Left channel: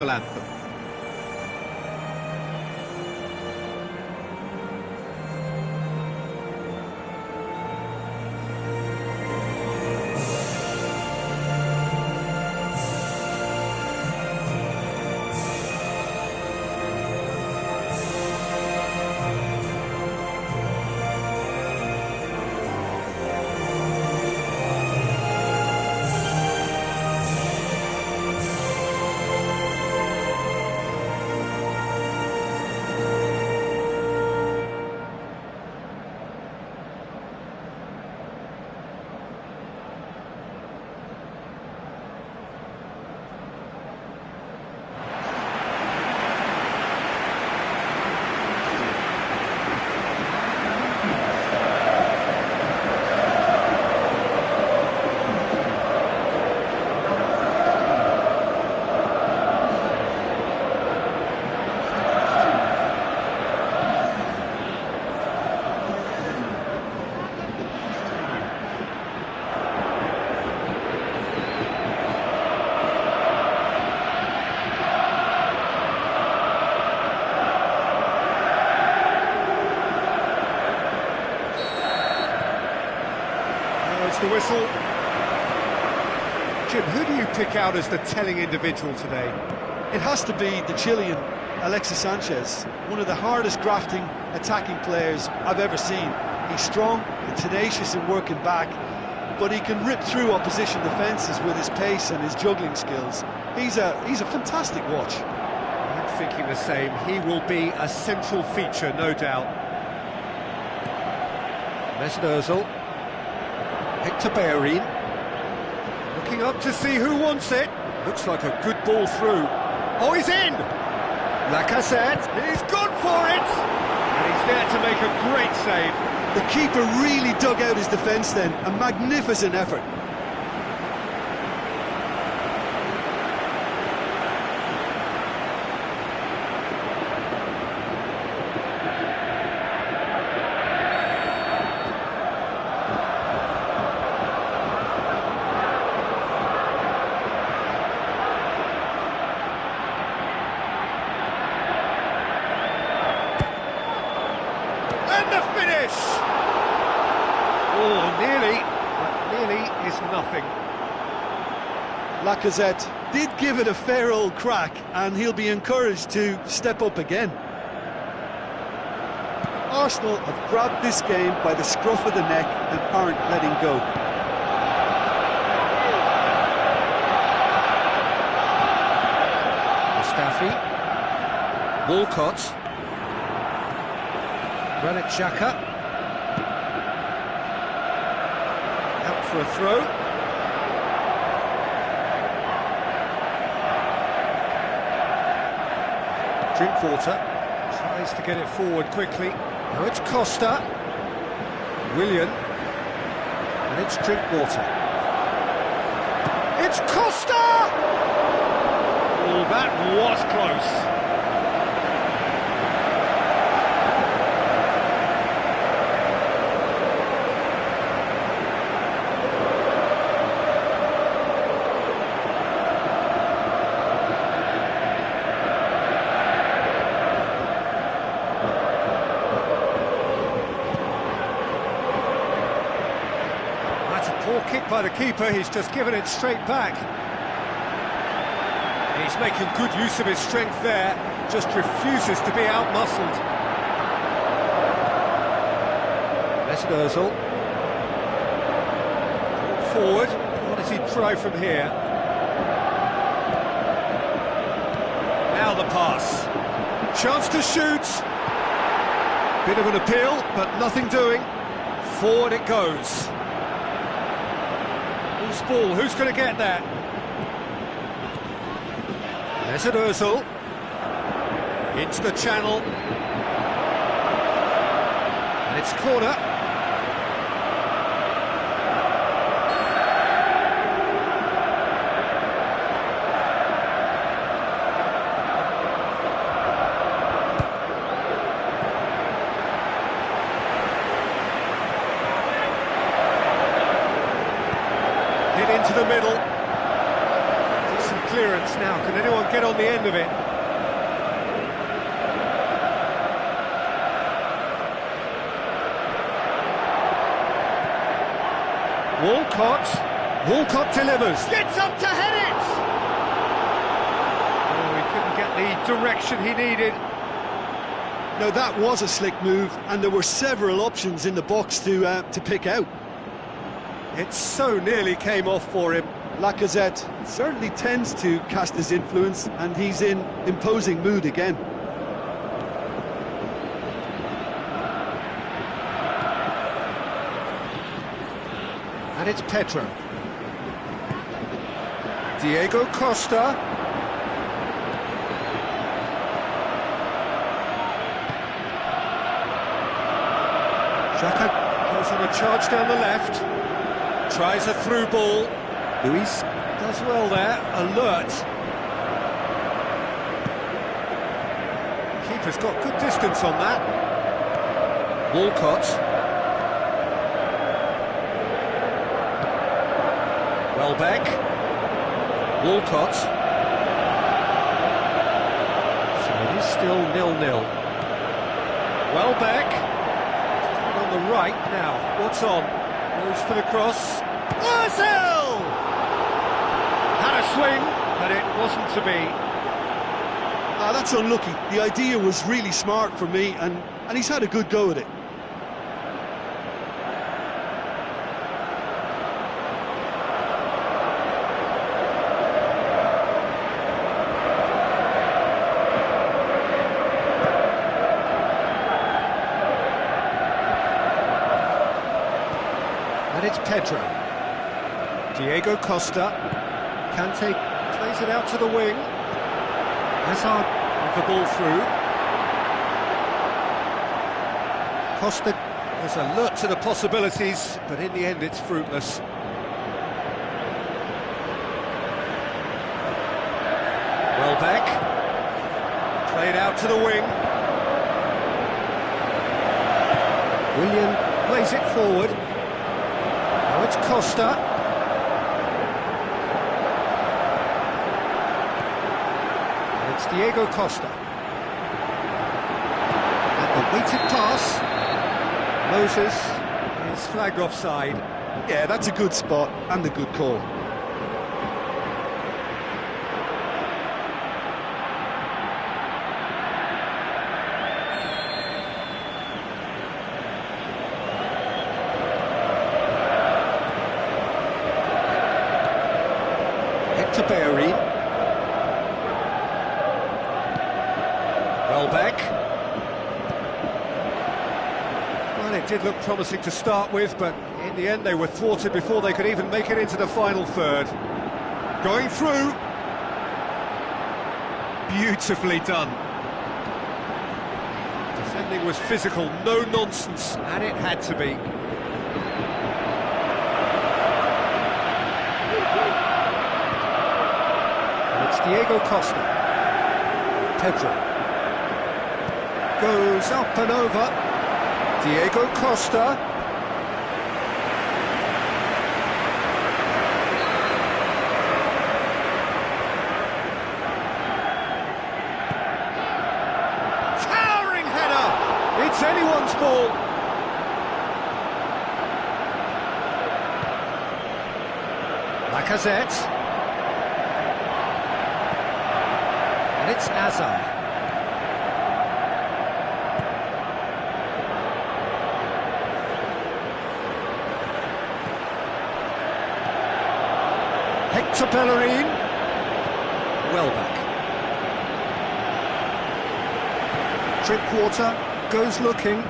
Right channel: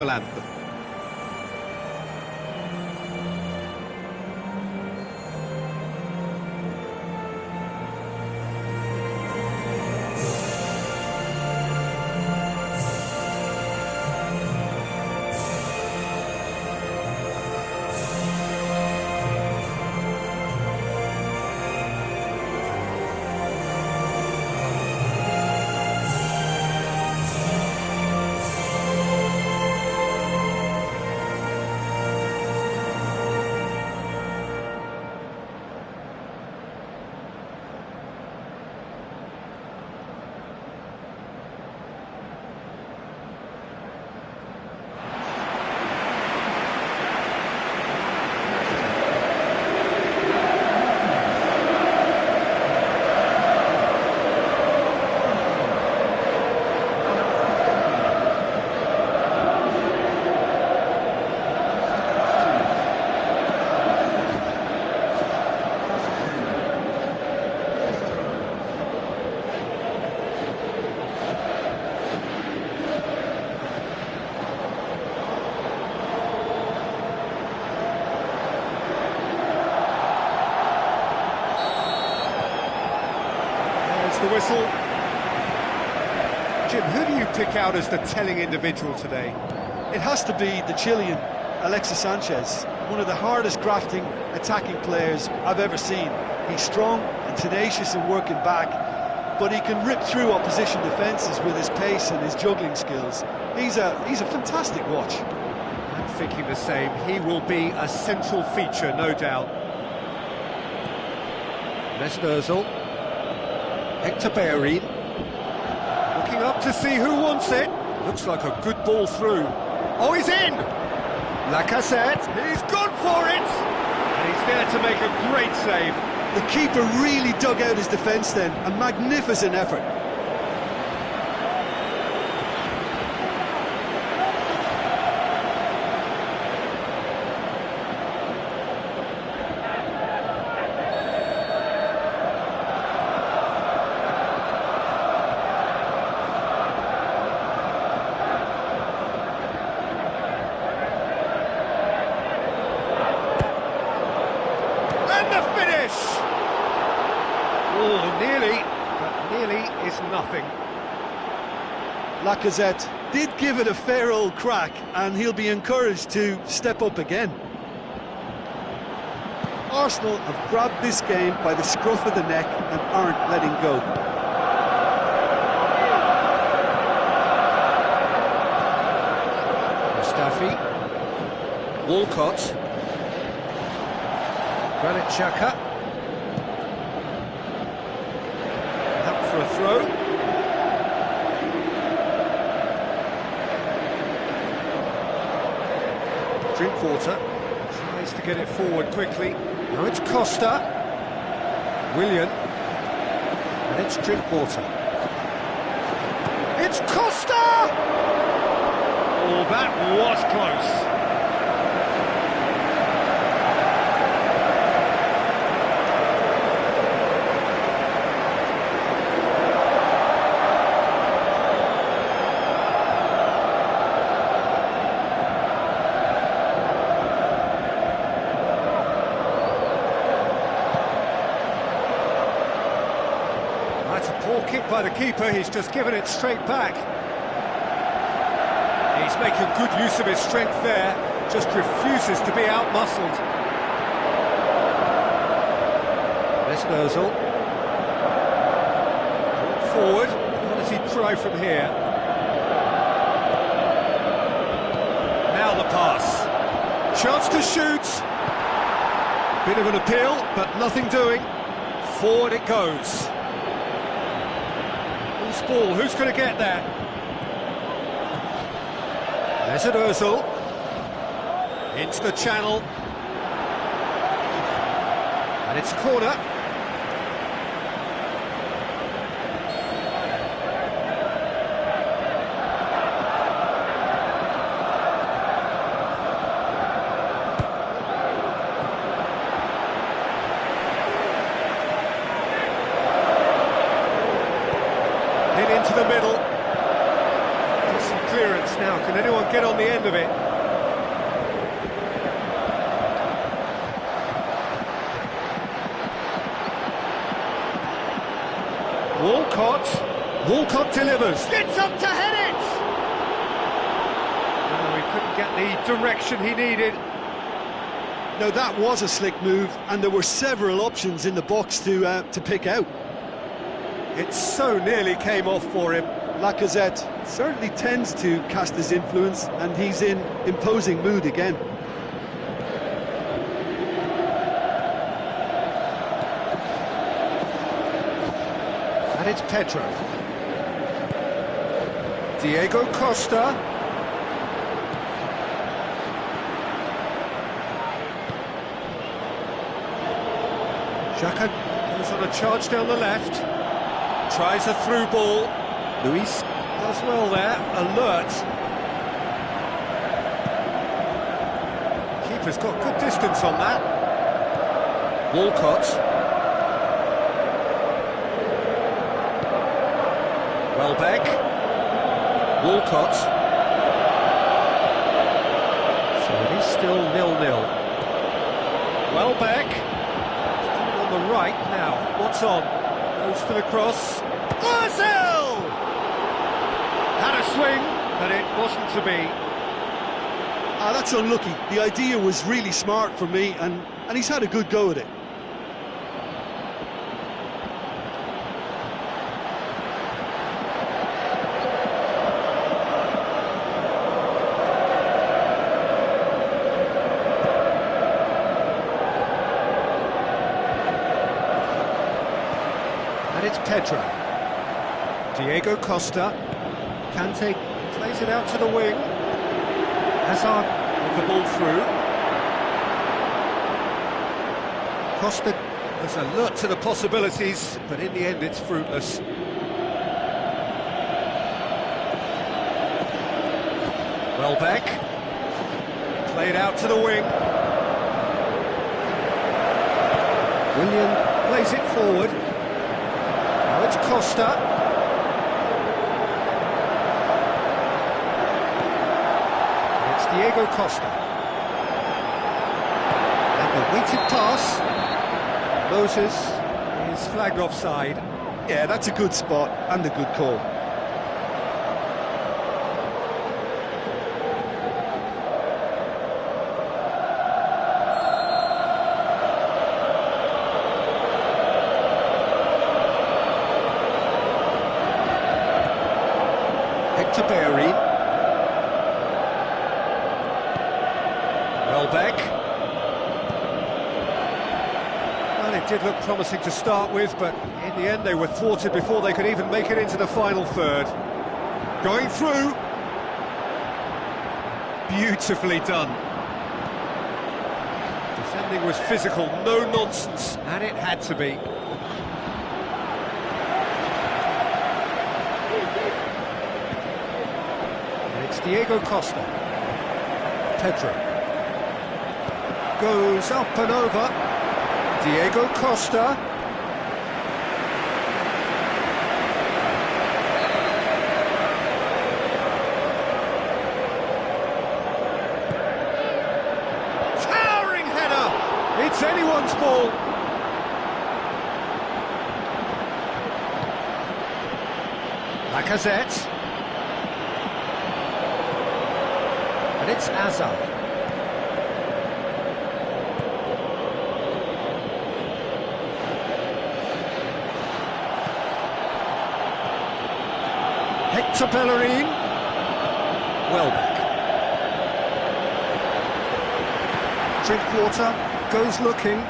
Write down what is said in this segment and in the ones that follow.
anthem. There's the whistle. Jim, who do you pick out as the telling individual today? It has to be the Chilean, Alexis Sanchez, one of the hardest grafting attacking players I've ever seen. He's strong and tenacious in working back, but he can rip through opposition defences with his pace and his juggling skills. He's a fantastic watch. I'm thinking the same. He will be a central feature, no doubt. Mesut Ozil. Hector Bellerin. Looking up to see who wants it. Looks like a good ball through. Oh, he's in! Lacazette, he's gone for it! And he's there to make a great save. The keeper really dug out his defence then. A magnificent effort. And the finish! Oh, nearly, but nearly is nothing. Lacazette did give it a fair old crack, and he'll be encouraged to step up again. Arsenal have grabbed this game by the scruff of the neck and aren't letting go. Mustafi. Walcott. Granit Xhaka. Out for a throw. Drinkwater tries to get it forward quickly. Now it's Costa. Willian. And it's Drinkwater. It's Costa! Oh, that was close. That's a poor kick by the keeper, he's just given it straight back. He's making good use of his strength there, just refuses to be out-muscled. Mesut Ozil. Brought forward, what does he try from here? Now the pass. Chance to shoot. Bit of an appeal, but nothing doing. Forward it goes. Who's ball? Who's going to get that? Mesut Ozil. Into the channel. And it's a corner. Hit into the middle. Decent clearance now. Can anyone get on the end of it? Walcott delivers. Gets up to head it! No, he couldn't get the direction he needed. No, that was a slick move, and there were several options in the box to pick out. It so nearly came off for him. Lacazette certainly tends to cast his influence, and he's in imposing mood again. And it's Pedro. Diego Costa. Xhaka goes on a charge down the left. Tries a through ball. Luis does well there, alert. Keeper's got good distance on that. Walcott. Welbeck. Walcott. So it is still 0-0. Welbeck. He's coming on the right now. What's on? Goes for the cross. Ozil! Had a swing, but it wasn't to be. That's unlucky. The idea was really smart for me, and he's had a good go at it. And it's Pedro. Diego Costa. Kante plays it out to the wing. Hazard with the ball through. Costa was alert to the possibilities, but in the end it's fruitless. Welbeck. Played out to the wing. Willian plays it forward. Now it's Costa. And it's Diego Costa. And the weighted pass. Moses is flagged offside. Yeah, that's a good spot and a good call. Hector Bellerin. Welbeck. Well, it did look promising to start with, but in the end they were thwarted before they could even make it into the final third. Going through. Beautifully done. Defending was physical, no nonsense, and it had to be. It's Diego Costa. Pedro. Goes up and over. Diego Costa. Towering header! It's anyone's ball. Lacazette. And it's Hazard. Hector Bellerin. Welbeck. Drinkwater goes looking.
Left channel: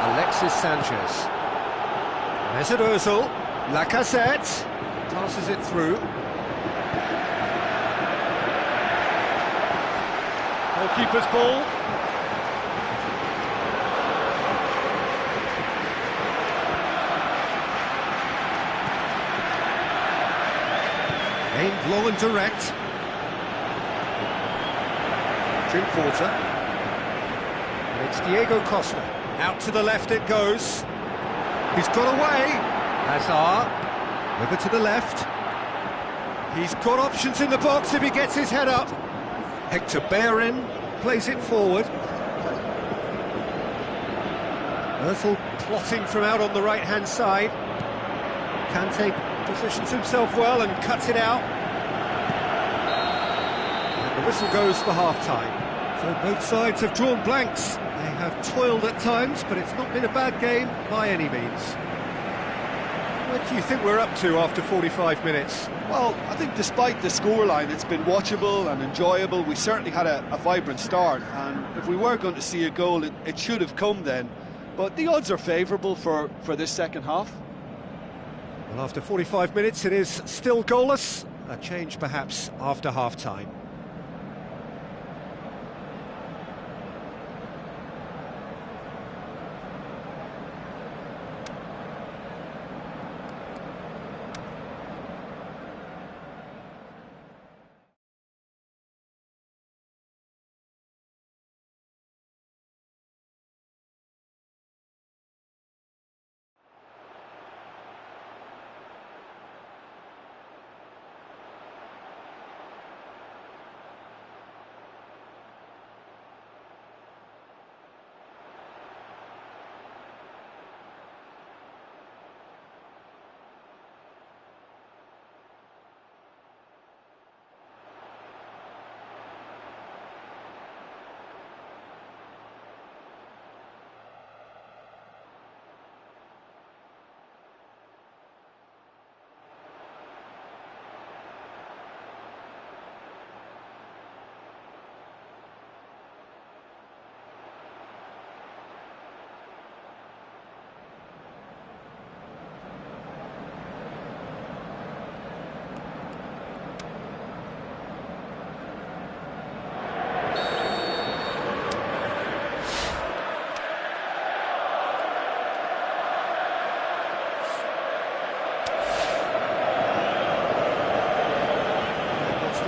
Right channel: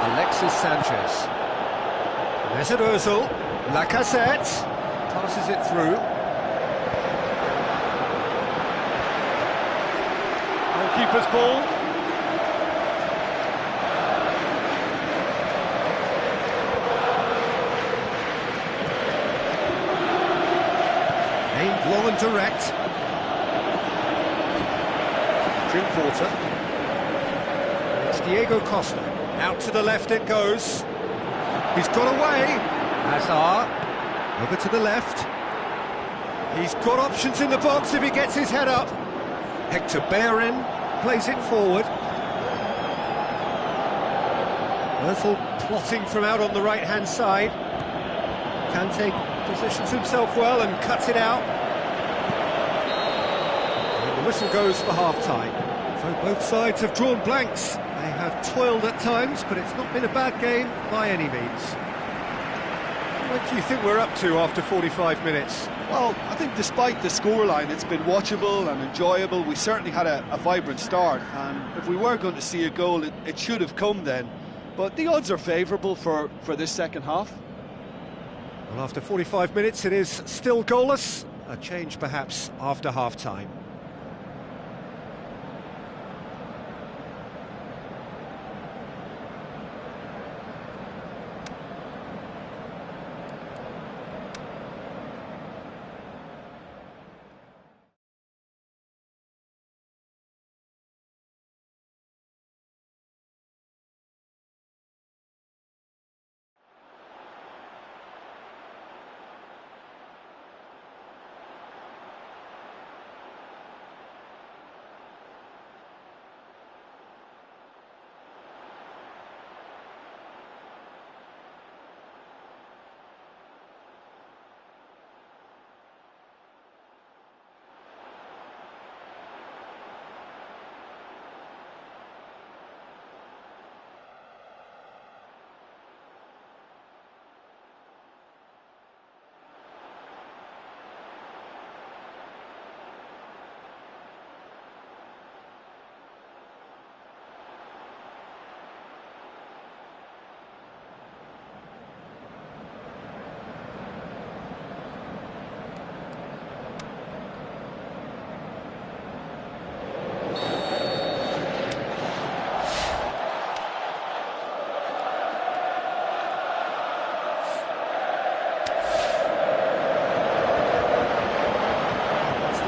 Alexis Sanchez. Mesut Ozil. Lacazette. Passes it through. Goalkeeper's ball. Aimed long and direct. Drinkwater. And it's Diego Costa. Out to the left it goes. He's got away. Hazard. Over to the left. He's got options in the box if he gets his head up. Hector Bellerin plays it forward. Özil plotting from out on the right-hand side. Kante positions himself well and cuts it out. And the whistle goes for half-time. So both sides have drawn blanks. They have toiled at times, but it's not been a bad game by any means. What do you think we're up to after 45 minutes? Well, I think despite the scoreline, it's been watchable and enjoyable. We certainly had a vibrant start, and if we were going to see a goal, it should have come then. But the odds are favourable for this second half. Well, after 45 minutes, it is still goalless. A change perhaps after half-time.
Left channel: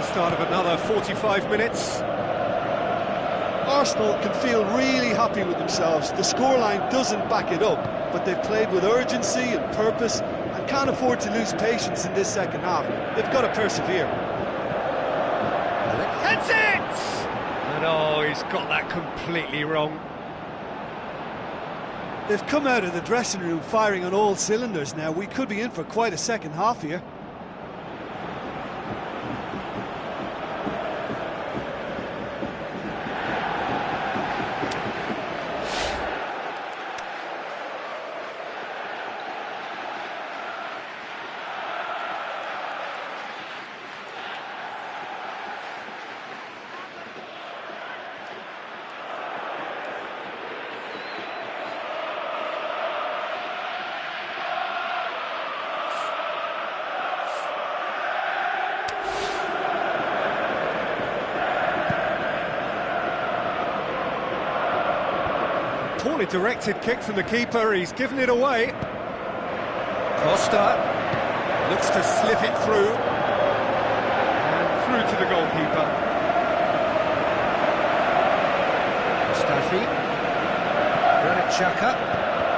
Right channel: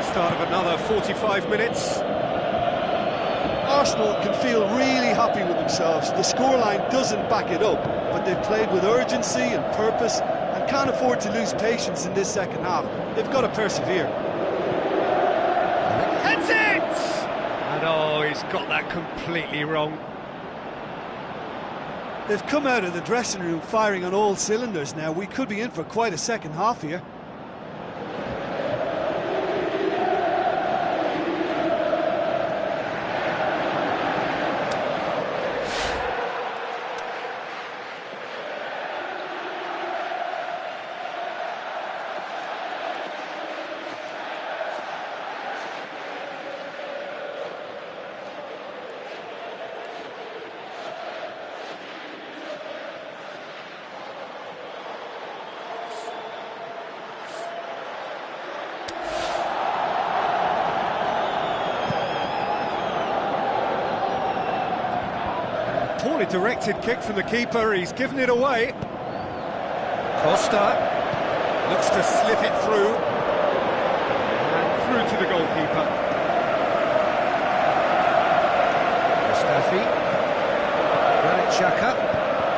Start of another 45 minutes. Arsenal can feel really happy with themselves. The scoreline doesn't back it up, but they've played with urgency and purpose and can't afford to lose patience in this second half. They've got to persevere. Heads it! And oh, he's got that completely wrong. They've come out of the dressing room firing on all cylinders now. We could be in for quite a second half here. Poorly directed kick from the keeper, he's given it away. Costa looks to slip it through. And through to the goalkeeper. Mustafi. Granit Xhaka.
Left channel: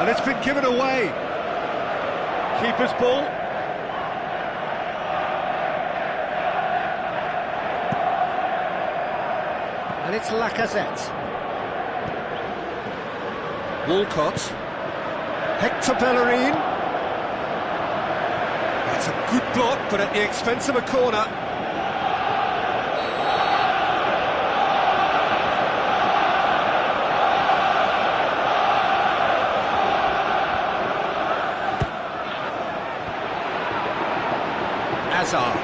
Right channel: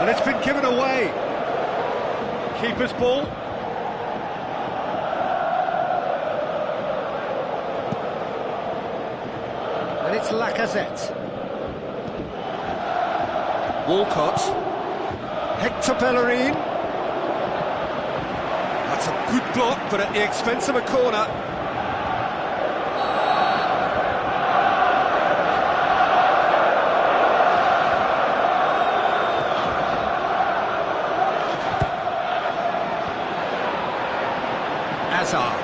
And it's been given away. Keeper's ball. And it's Lacazette. Walcott, Hector Bellerin. That's a good block, but at the expense of a corner. Azar.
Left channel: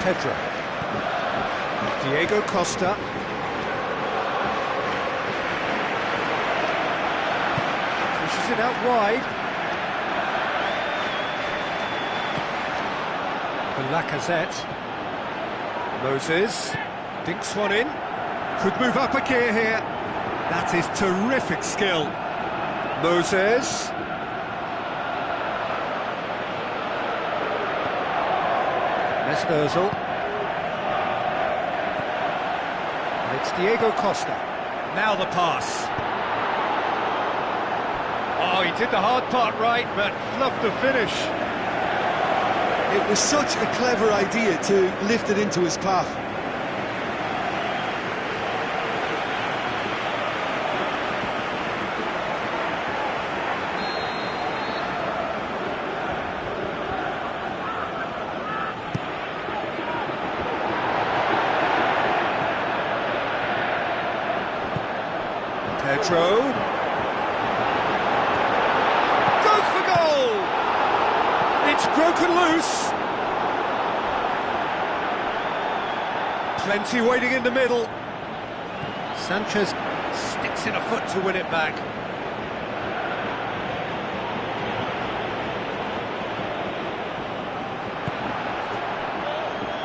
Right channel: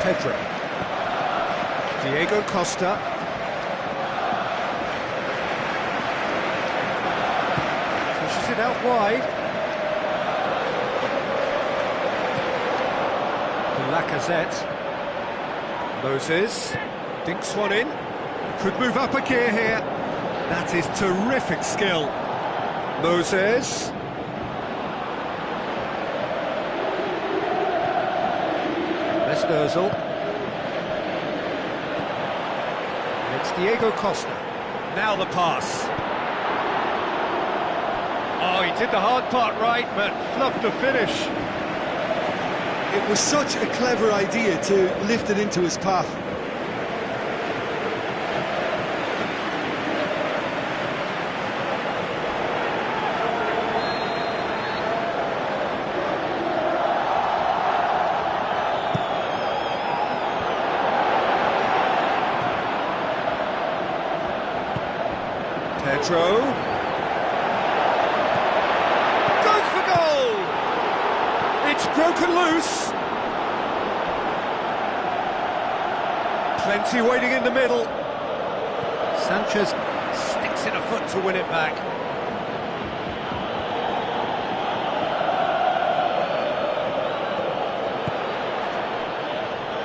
Pedro. Diego Costa. Pushes it out wide. For Lacazette. Moses dinks one in. Could move up a gear here. That is terrific skill. Moses. Mesut Ozil. And it's Diego Costa. Now the pass. Oh, Oh, he did the hard part right, but fluffed the finish. It was such a clever idea to lift it into his path. Pedro goes for goal. It's broken loose. Plenty waiting in the middle. Sanchez sticks in a foot to win it back.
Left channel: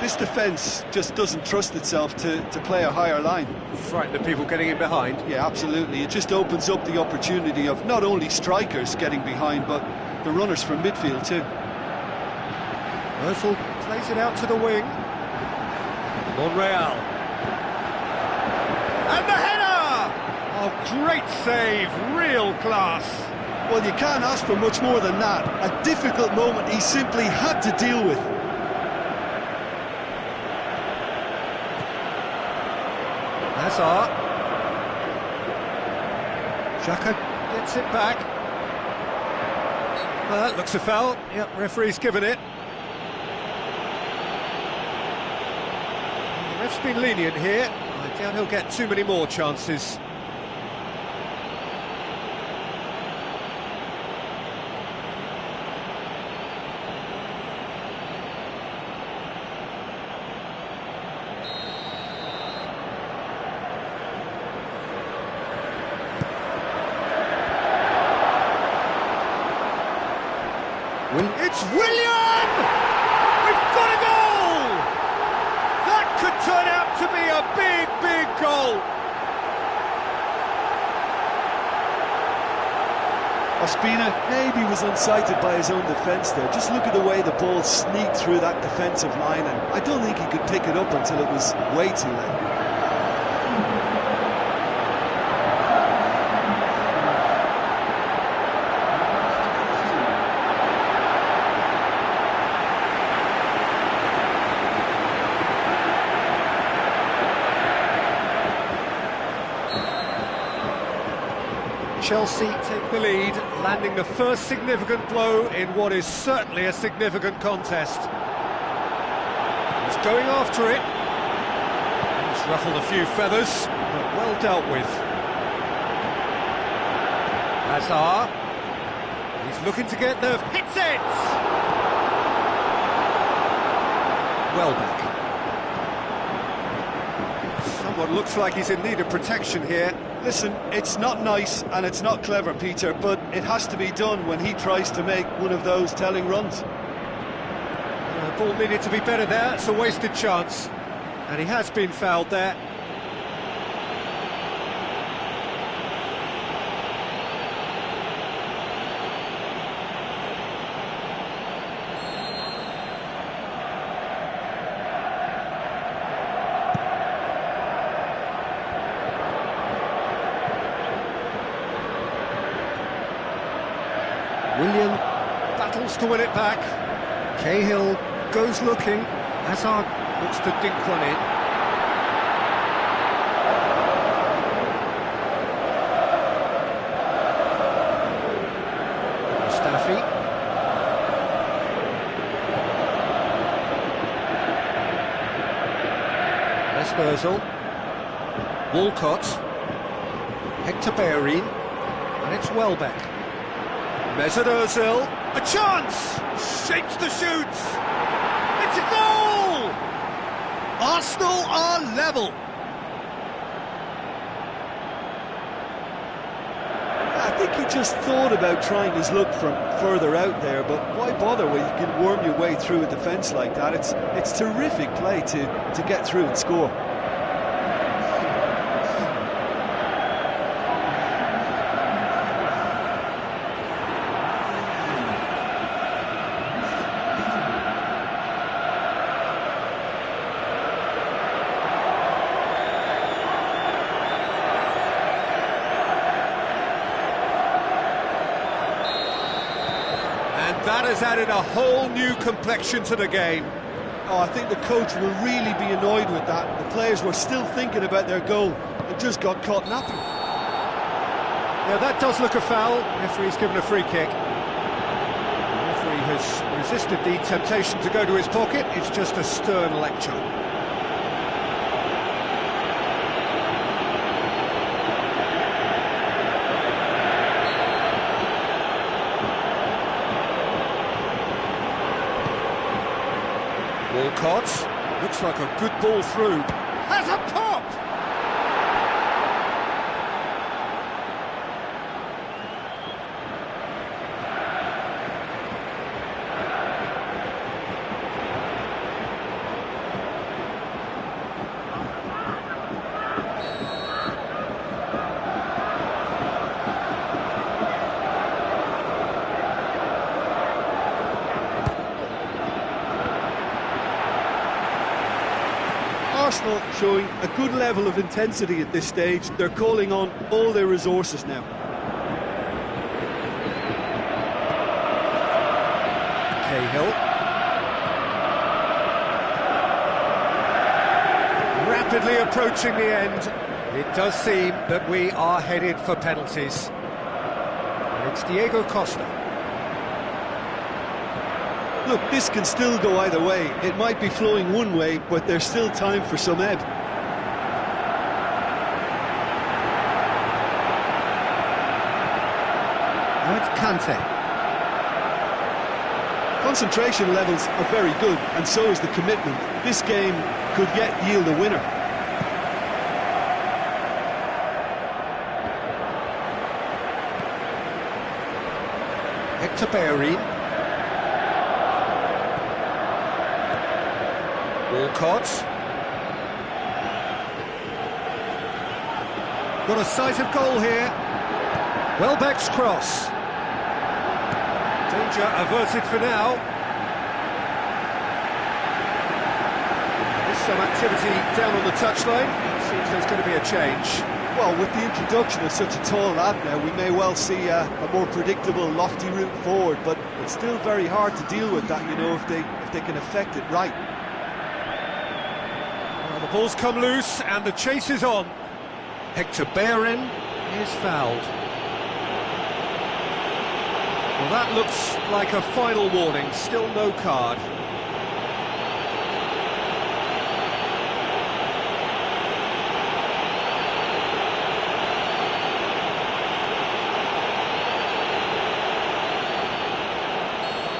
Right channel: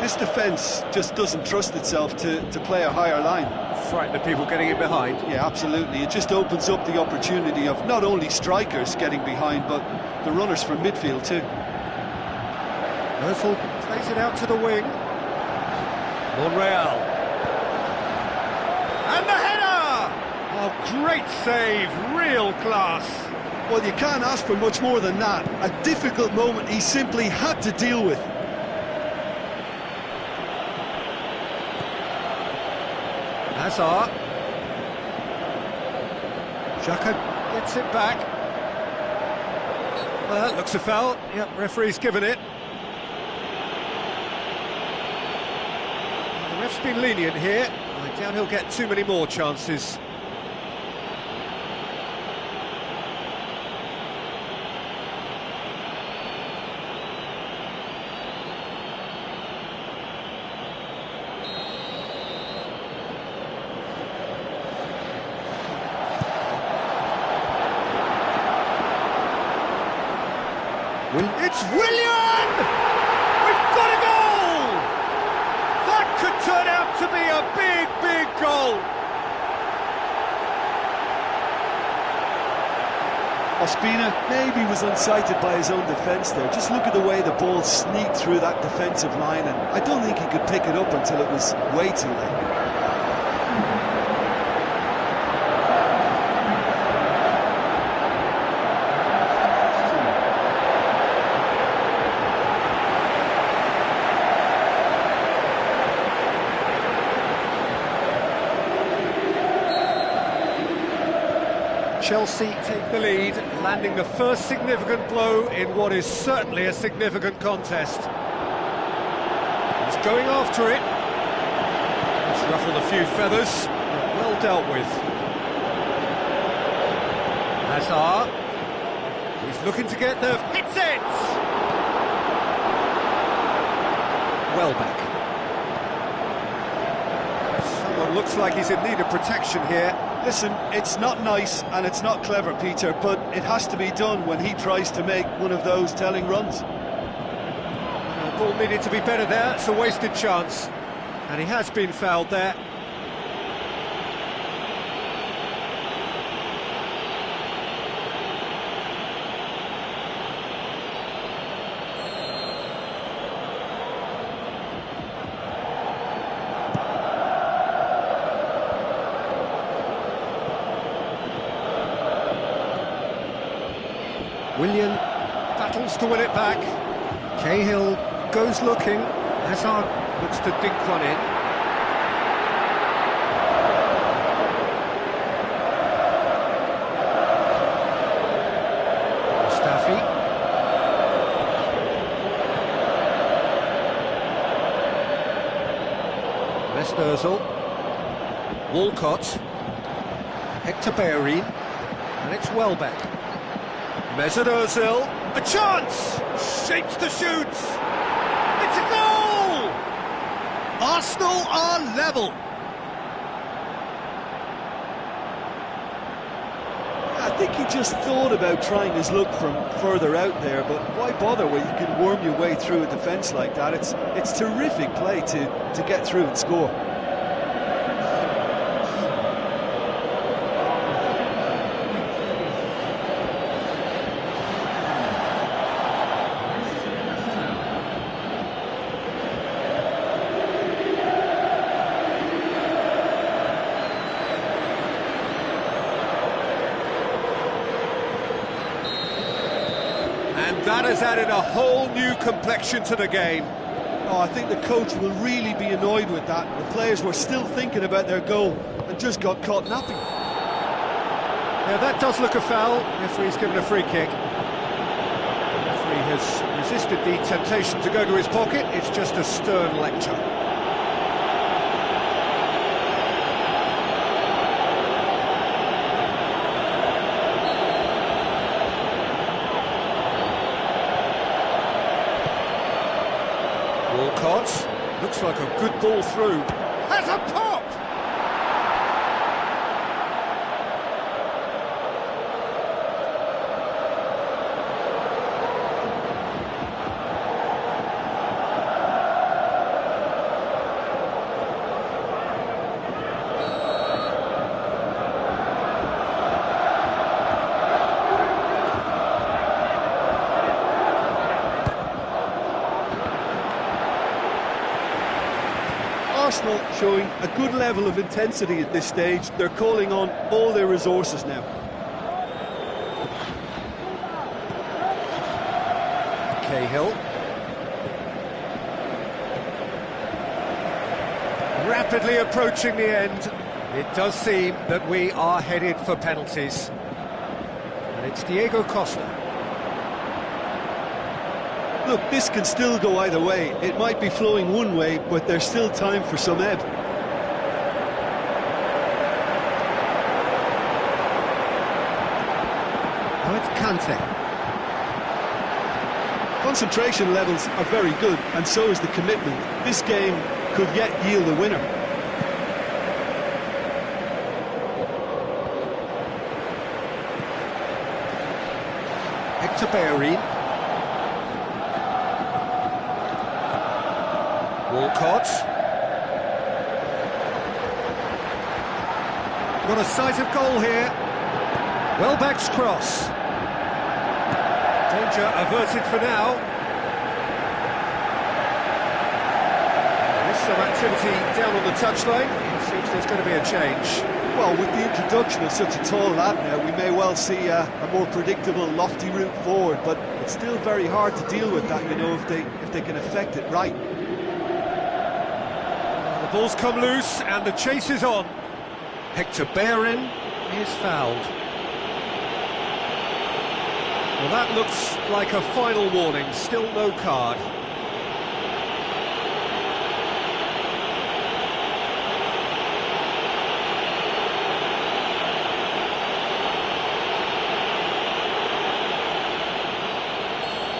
This defence just doesn't trust itself to play a higher line. Frighten the people getting in behind. Yeah, absolutely. It just opens up the opportunity of not only strikers getting behind, but the runners from midfield too. Ozil plays it out to the wing. Monreal. And the header! Oh, great save, real class. Well, you can't ask for much more than that. A difficult moment he simply had to deal with. Hazard. Xhaka gets it back. Well, that looks a foul. Yep, referee's given it. Well, the ref's been lenient here. I doubt he'll get too many more chances. It's Willian! We've got a goal! That could turn out to be a big, big goal. Ospina maybe was unsighted by his own defence there. Just look at the way the ball sneaked through that defensive line, and I don't think he could pick it up until it was way too late. Chelsea take the lead, landing the first significant blow in what is certainly a significant contest. He's going after it. He's ruffled a few feathers, but well dealt with. Hazard. He's looking to get there. Hits it! Welbeck. Someone looks like he's in need of protection here. Listen, it's not nice and it's not clever, Peter, but it has to be done when he tries to make one of those telling runs. The ball needed to be better there. It's a wasted chance. And he has been fouled there. Willian battles to win it back. Cahill goes looking. Hazard looks to dink one in. Mustafi. Mesut Ozil. Walcott. Hector Bellerin. And it's Welbeck. Mesut Ozil, a chance! Shapes to shoot! It's a goal! Arsenal are level. I think he just thought about trying his luck from further out there, but why bother when you can worm your way through a defence like that? It's terrific play to get through and score. That has added a whole new complexion to the game. Oh, I think the coach will really be annoyed with that. The players were still thinking about their goal and just got caught napping. Yeah, that does look a foul. Referee's given a free kick. The referee has resisted the temptation to go to his pocket. It's just a stern lecture. Walcott, looks like a good ball through, has a pop! Arsenal showing a good level of intensity at this stage. They're calling on all their resources now. Cahill. Rapidly approaching the end. It does seem that we are headed for penalties. And it's Diego Costa. Look, this can still go either way. It might be flowing one way, but there's still time for some ebb. Now it's Kante. Concentration levels are very good, and so is the commitment. This game could yet yield a winner. Hector Bellerin. Walcott. Got a sight of goal here. Welbeck's cross. Danger averted for now. There's some activity down on the touchline. It seems there's going to be a change. Well, with the introduction of such a tall lad now, we may well see a more predictable, lofty route forward, but it's still very hard to deal with that, you know, if they can effect it right. The ball's come loose and the chase is on. Hector Bellerin is fouled. Well, that looks like a final warning, still no card.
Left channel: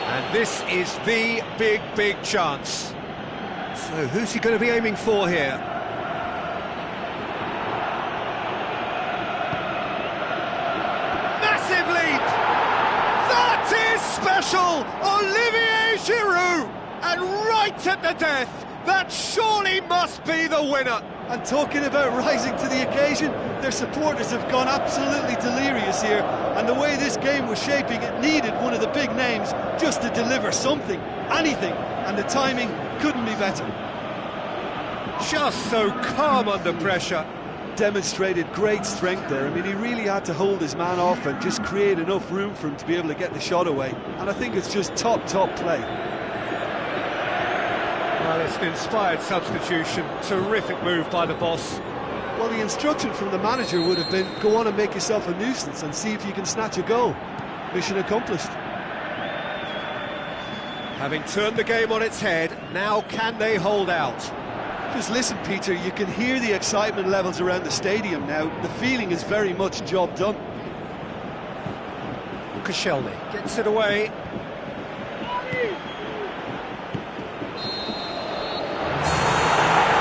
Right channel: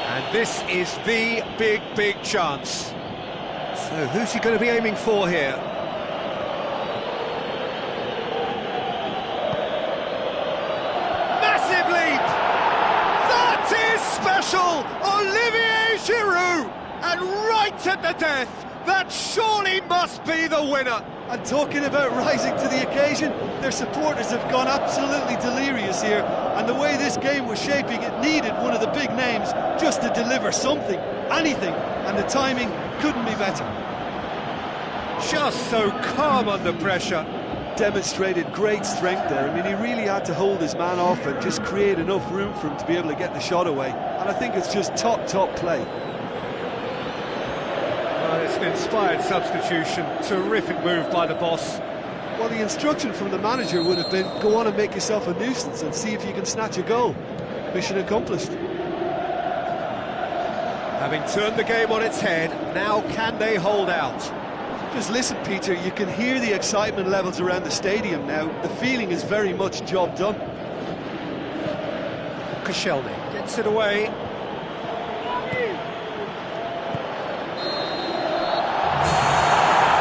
And this is the big chance. So who's he going to be aiming for here? Massive leap! That is special! Olivier Giroud! And right at the death, that surely must be the winner! And talking about rising to the occasion, their supporters have gone absolutely delirious here, and the way this game was shaping, it needed one of the big names just to deliver something, anything, and the timing couldn't be better. Just so calm under pressure. Demonstrated great strength there. I mean, he really had to hold his man off and just create enough room for him to be able to get the shot away, and I think it's just top play. Well, it's an inspired substitution. Terrific move by the boss. Well, the instruction from the manager would have been, go on and make yourself a nuisance and see if you can snatch a goal. Mission accomplished. Having turned the game on its head, now can they hold out? Just listen, Peter, you can hear the excitement levels around the stadium now. The feeling is very much job done. Koscielny gets it away.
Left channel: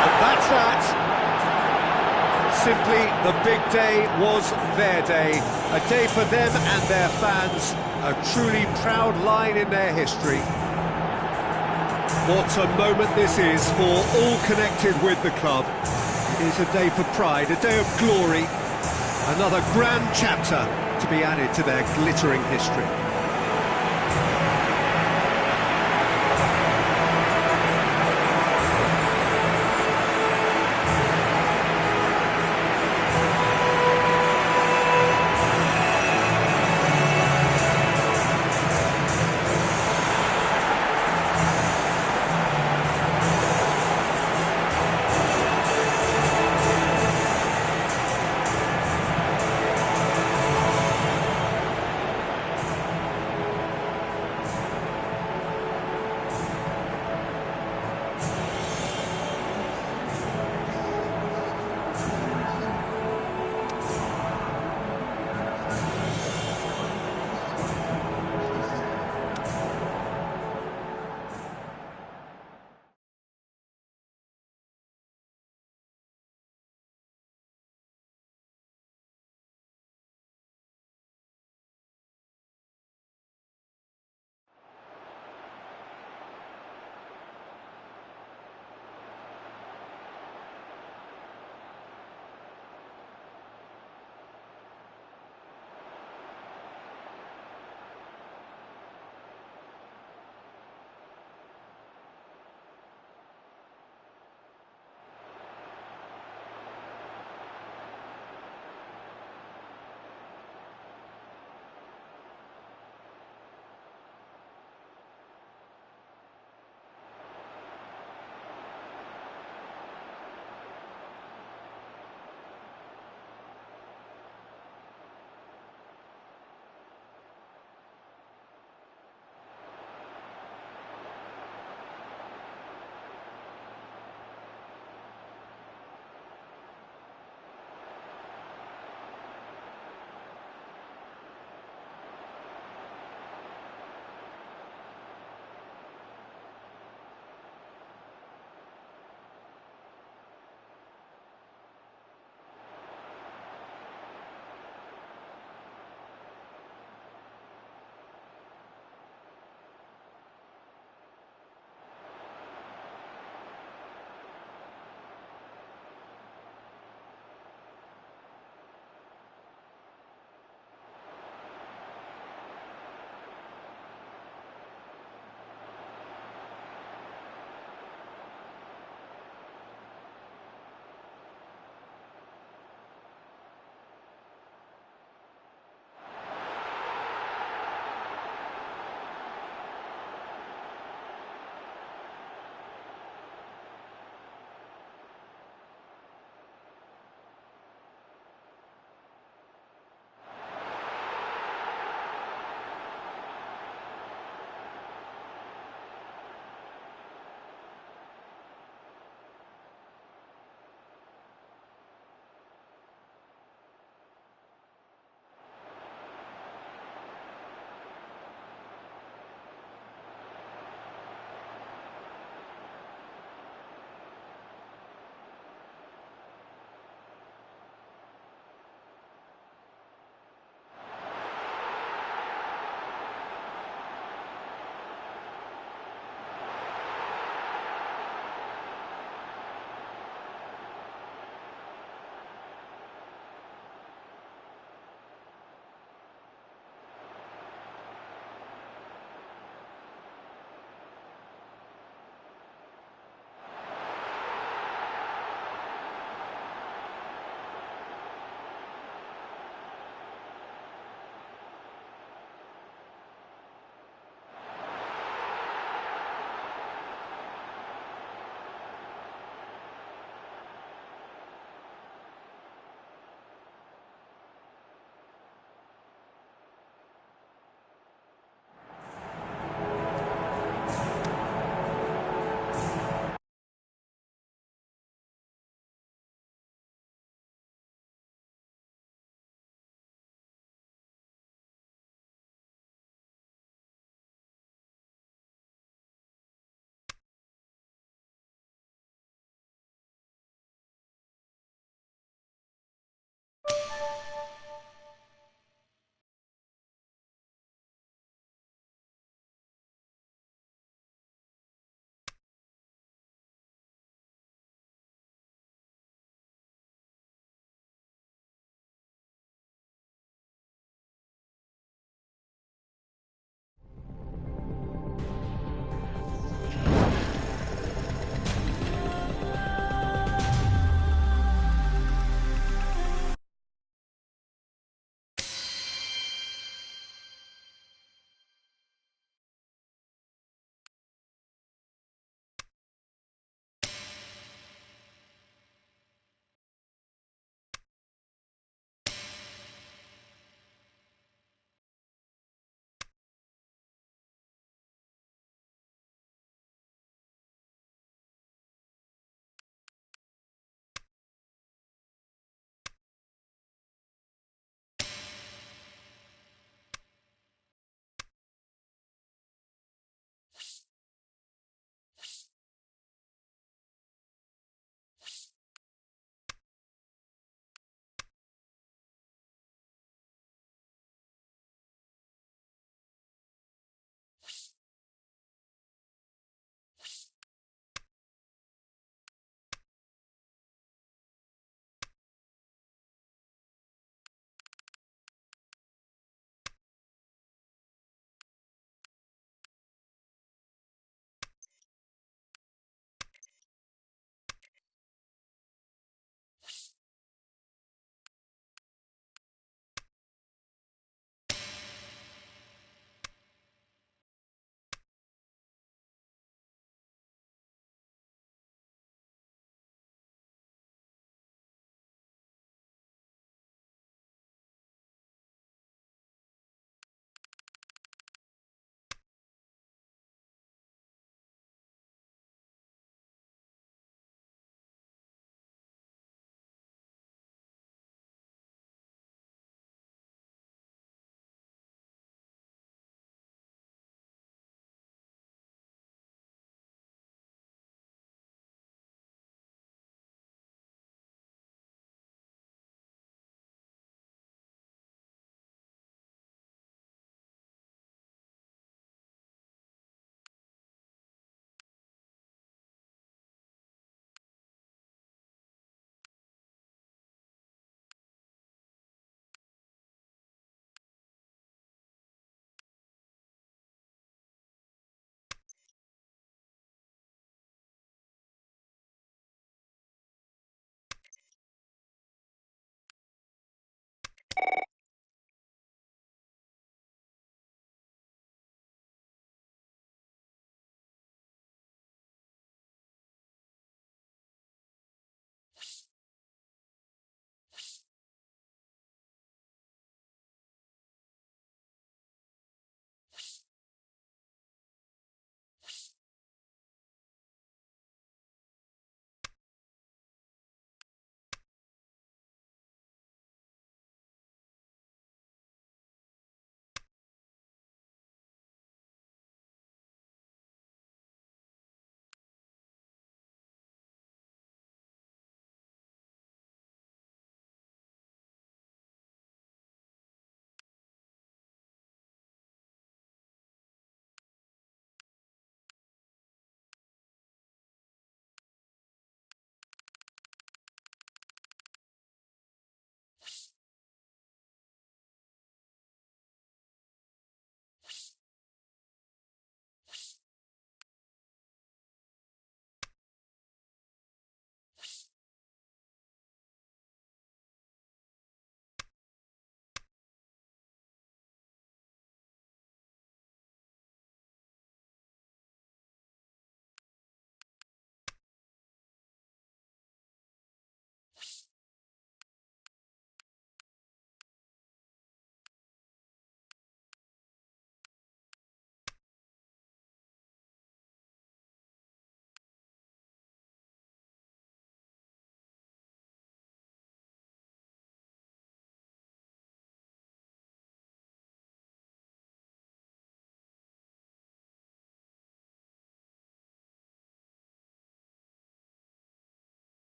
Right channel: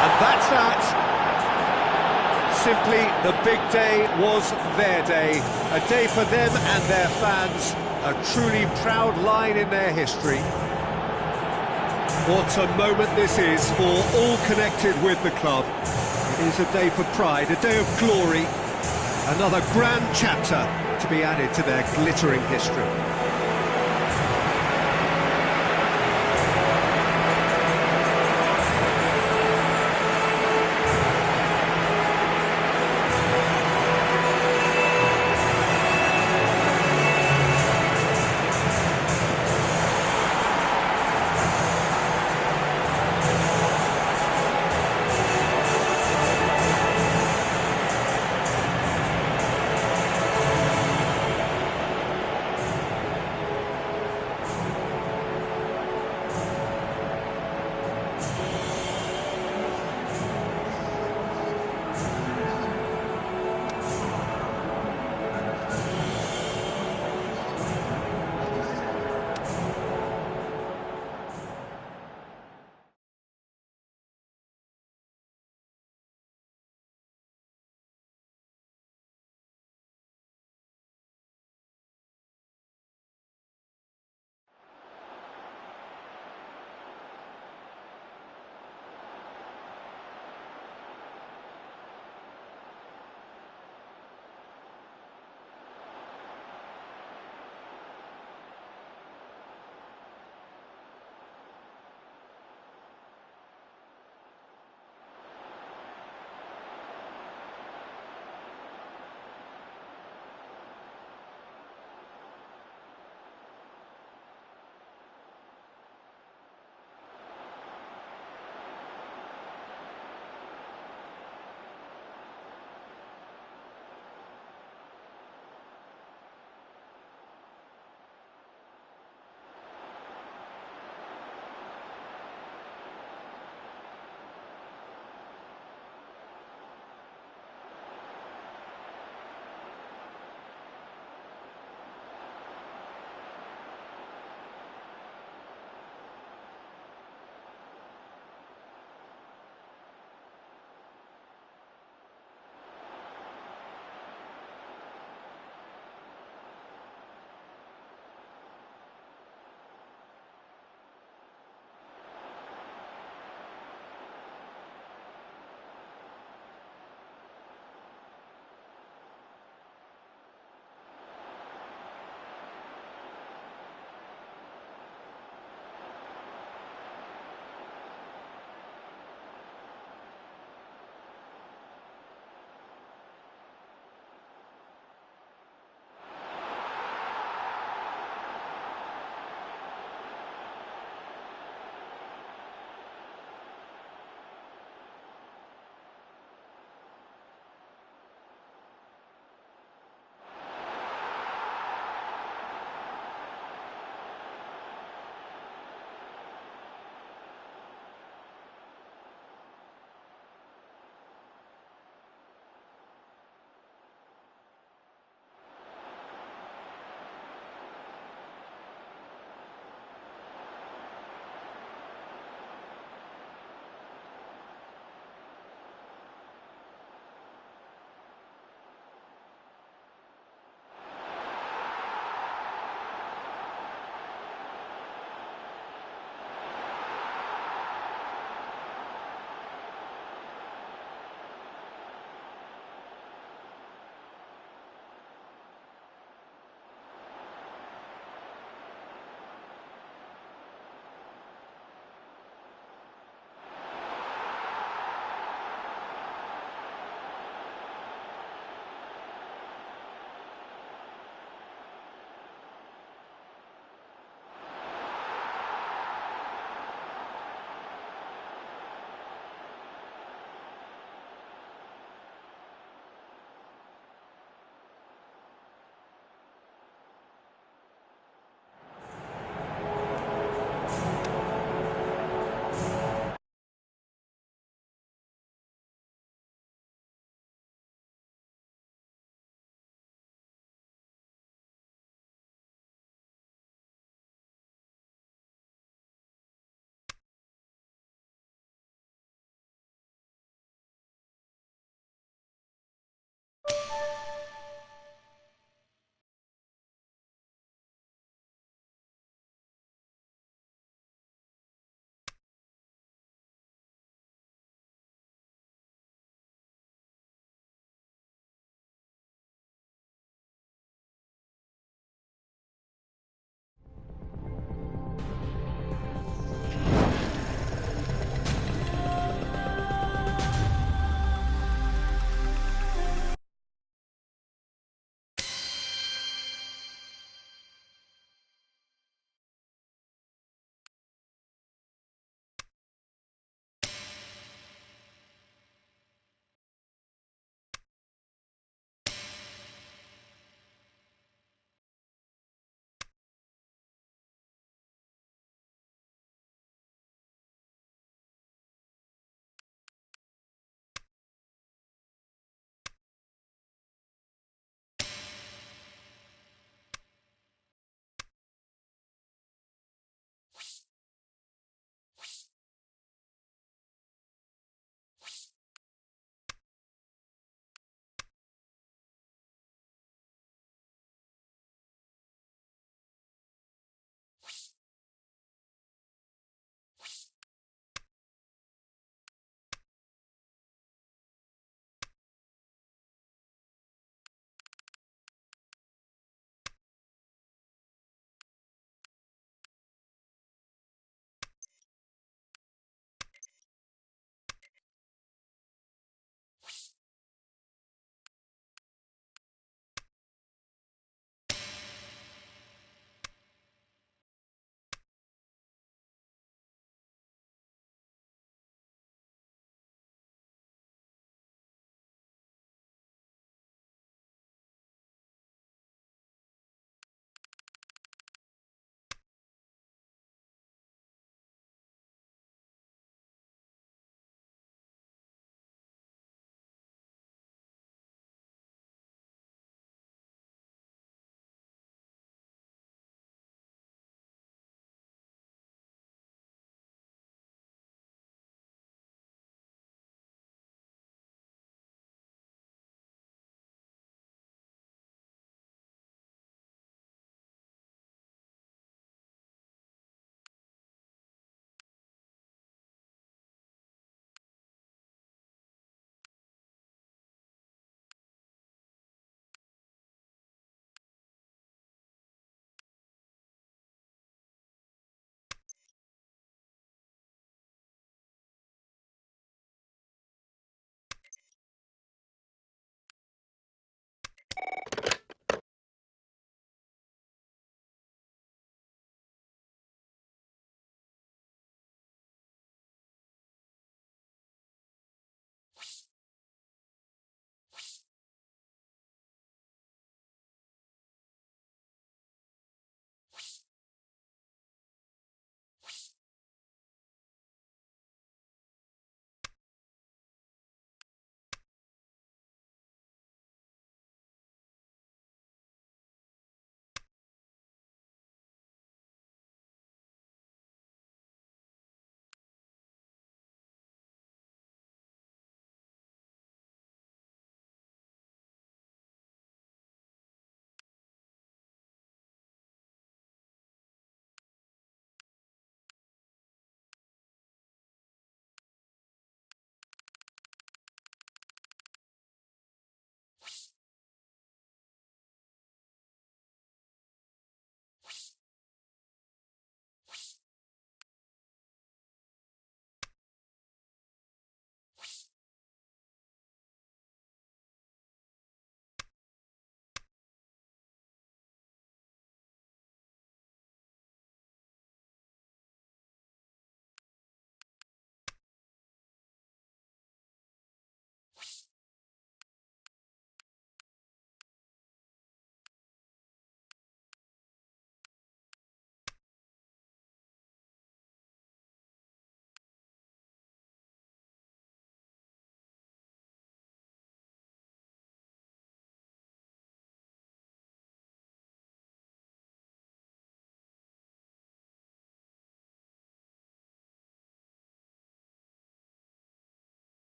And that's that. Simply, the big day was their day. A day for them and their fans. A truly proud line in their history. What a moment this is for all connected with the club. It is a day for pride, a day of glory. Another grand chapter to be added to their glittering history.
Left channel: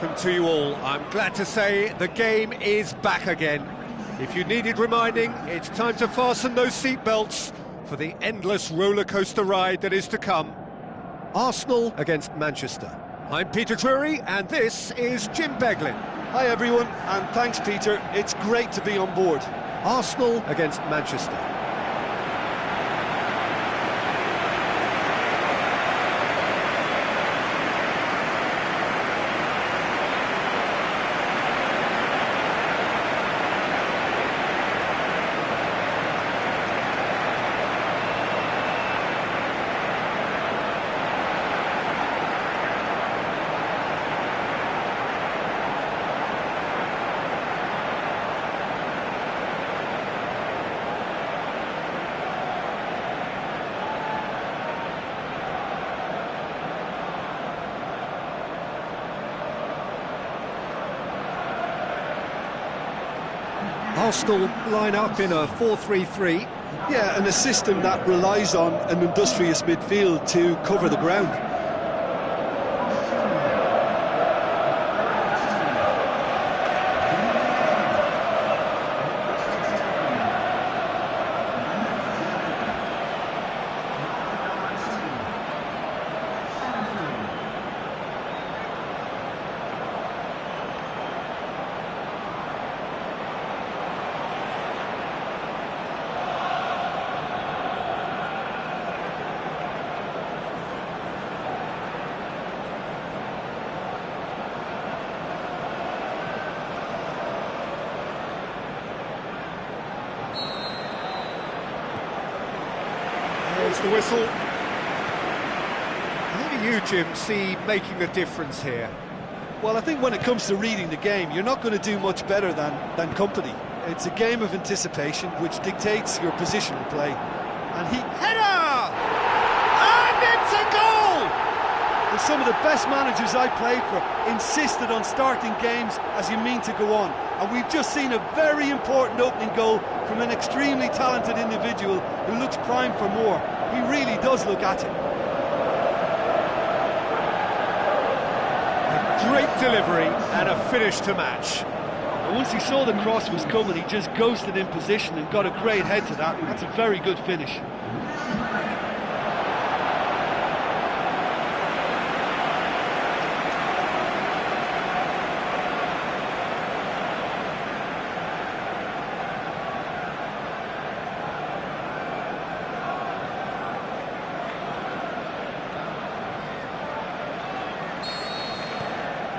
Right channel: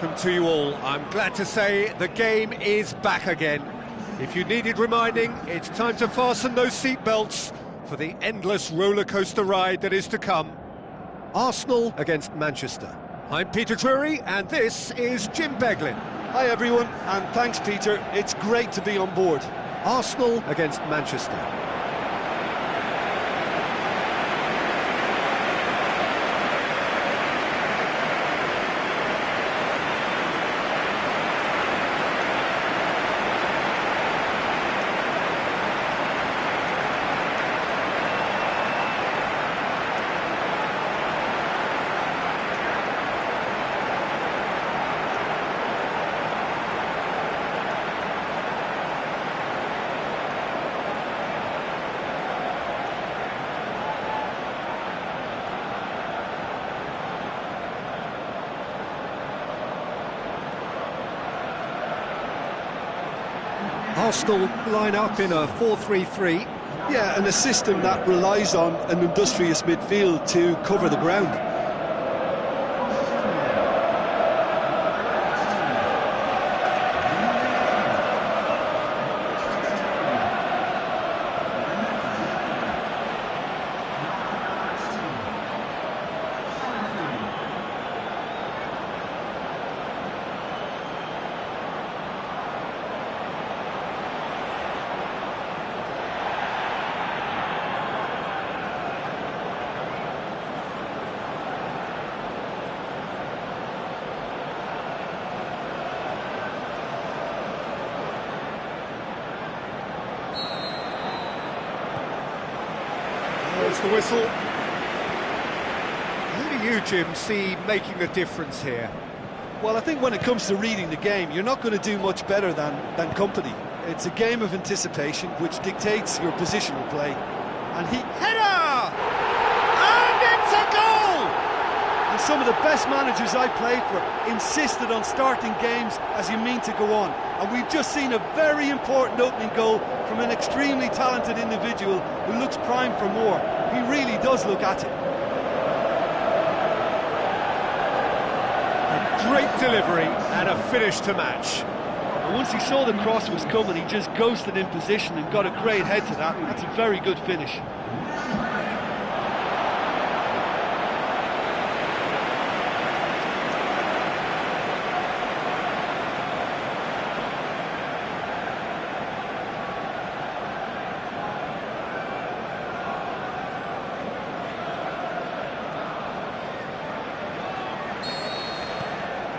welcome to you all. I'm glad to say the game is back again. If you needed reminding, it's time to fasten those seatbelts for the endless rollercoaster ride that is to come. Arsenal against Manchester. I'm Peter Drury, and this is Jim Beglin. Hi everyone, and thanks Peter, it's great to be on board. Arsenal against Manchester. Arsenal line up in a 4-3-3. Yeah, and a system that relies on an industrious midfield to cover the ground. There's the whistle. Who do you, Jim, see making the difference here? Well, I think when it comes to reading the game, you're not going to do much better than company. It's a game of anticipation which dictates your positional play. And Header! And it's a goal! And some of the best managers I played for insisted on starting games as you mean to go on. And we've just seen a very important opening goal from an extremely talented individual who looks primed for more. He really does look at it. A great delivery and a finish to match. And once he saw the cross was coming, he just ghosted in position and got a great head to that. That's a very good finish.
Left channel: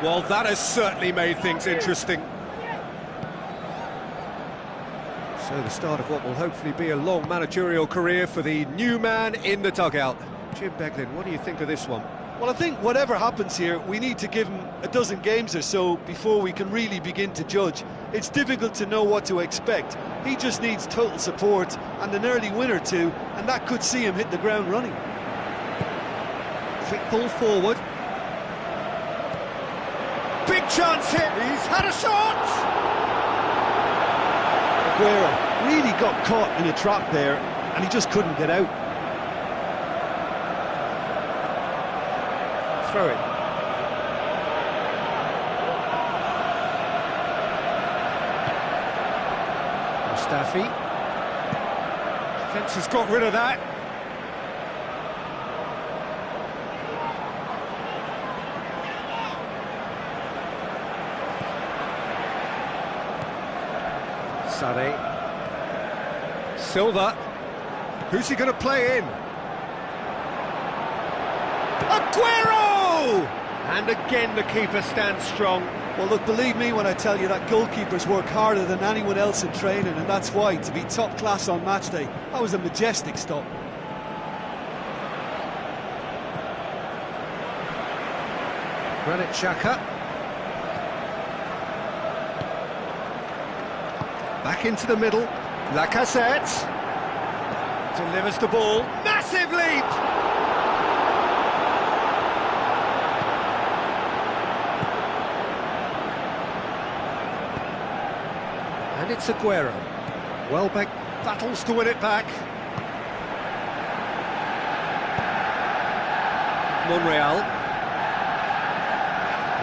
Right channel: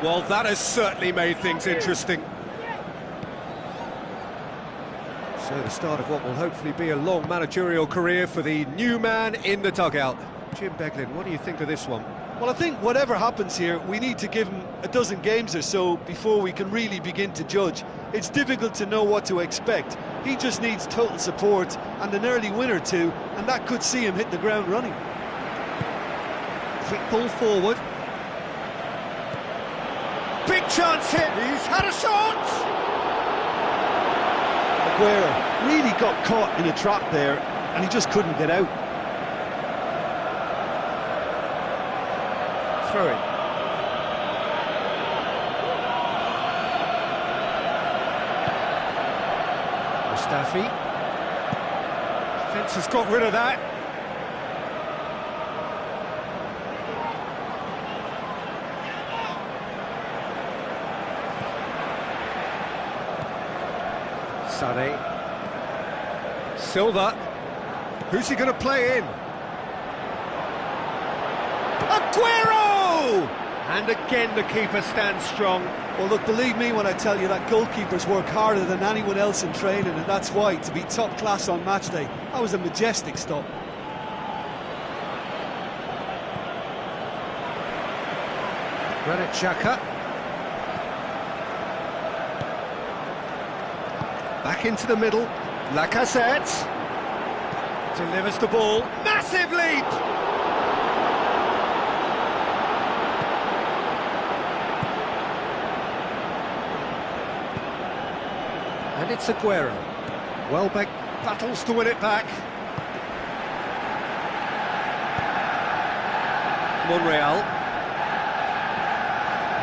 Well, that has certainly made things interesting. So the start of what will hopefully be a long managerial career for the new man in the dugout. Jim Beglin, what do you think of this one? Well, I think whatever happens here, we need to give him a dozen games or so before we can really begin to judge. It's difficult to know what to expect. He just needs total support and an early win or two, and that could see him hit the ground running. Quick ball forward. Big chance hit, he's had a shot! Aguero really got caught in a trap there, and he just couldn't get out. Throw it. Mustafi. Defence has got rid of that. Sané. Silva. Who's he going to play in? Aguero! And again the keeper stands strong. Well, look, believe me when I tell you that goalkeepers work harder than anyone else in training, and that's why, to be top class on match day, that was a majestic stop. Granit Xhaka. Back into the middle. Lacazette. Delivers the ball. Massive leap! And it's Aguero. Welbeck battles to win it back. Monreal.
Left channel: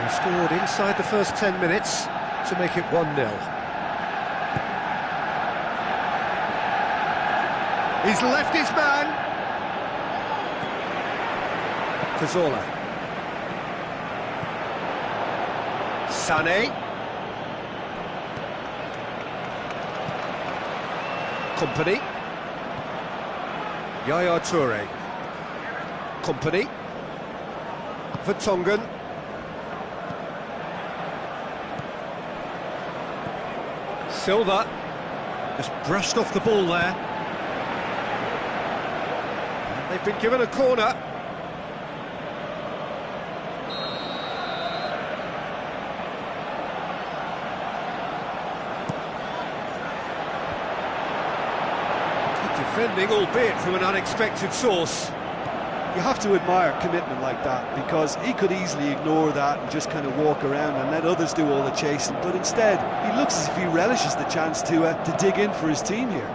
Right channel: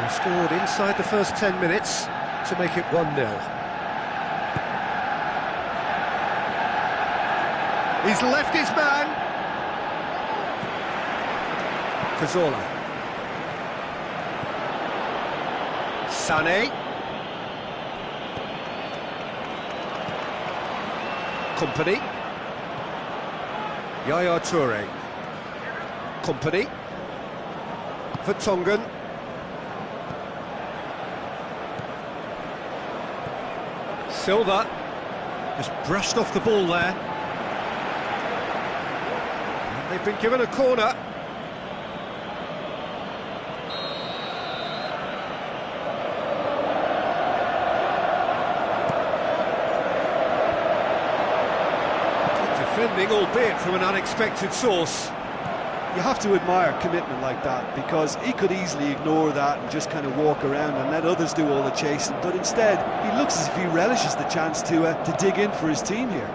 He scored inside the first 10 minutes to make it 1-0. He's left his man. Cazorla. Sané. Kompany. Yaya Toure. Kompany. Vertonghen. Silva. Just brushed off the ball there. And they've been given a corner. Defending, albeit from an unexpected source. You have to admire commitment like that, because he could easily ignore that and just kind of walk around and let others do all the chasing, but instead he looks as if he relishes the chance to dig in for his team here.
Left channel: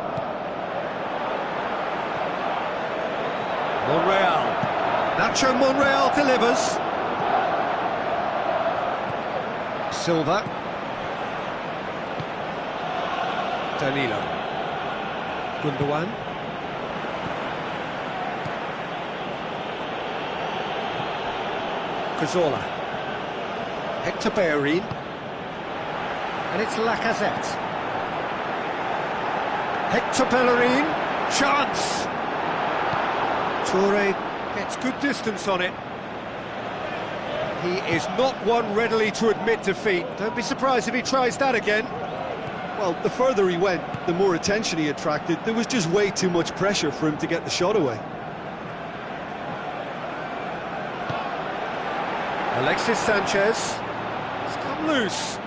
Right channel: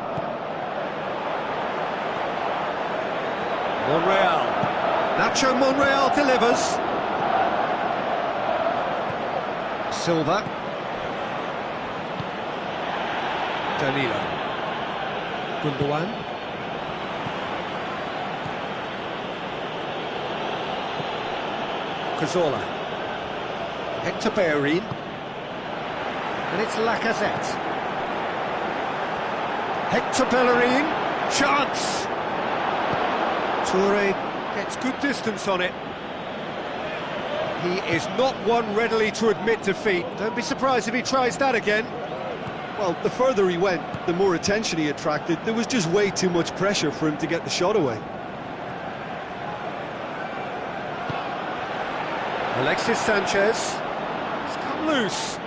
Monreal. Nacho Monreal delivers. Silva. Danilo. Gundogan. Cazorla. Hector Bellerin. And it's Lacazette. Hector Bellerin. Chance. Toure gets good distance on it. He is not one readily to admit defeat. Don't be surprised if he tries that again. Well, the further he went, the more attention he attracted. There was just way too much pressure for him to get the shot away. Alexis Sanchez. It's come loose.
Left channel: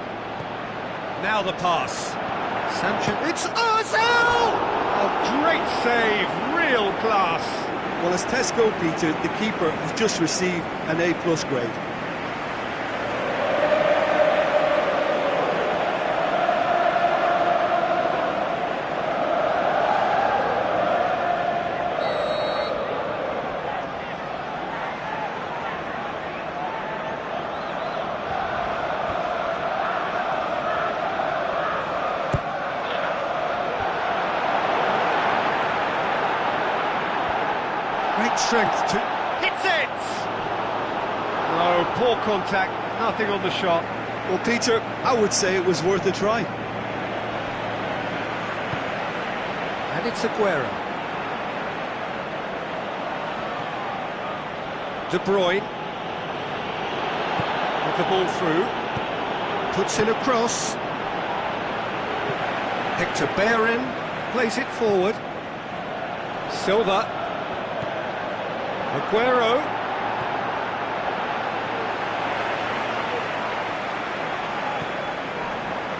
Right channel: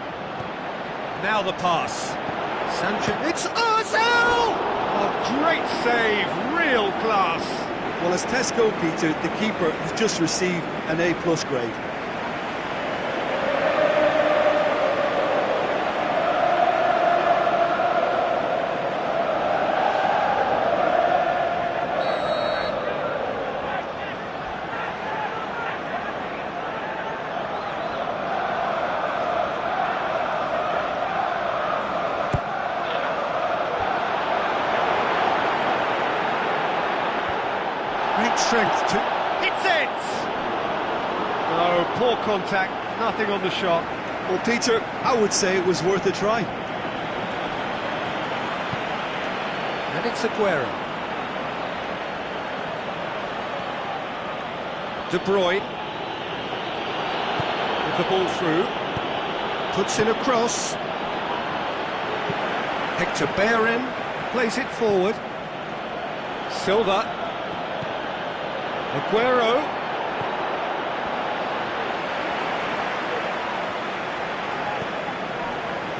Now the pass. Sanchez. It's Ozil! Oh, great save. Real class. Well, as Tesco, Peter, the keeper has just received an A+ grade. Great strength to... Hits it! No, poor contact, nothing on the shot. Well, Peter, I would say it was worth a try. And it's Aguero. De Bruyne. With the ball through. Puts in a cross. Hector Bellerin plays it forward. Silva. Aguero.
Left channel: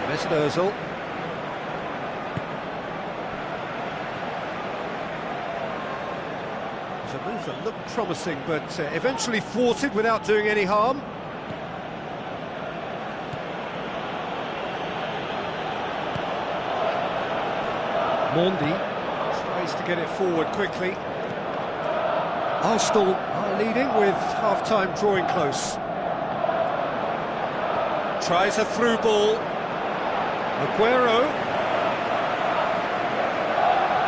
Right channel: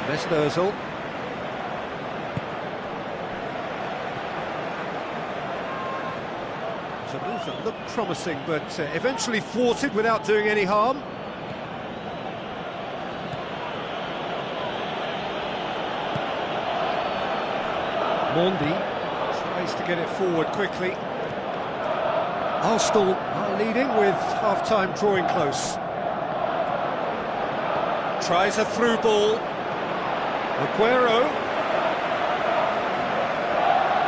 Mesut Ozil. It was a move that looked promising, but eventually thwarted without doing any harm. Mondi tries to get it forward quickly. Arsenal are leading with half-time drawing close. Tries a through ball. Aguero.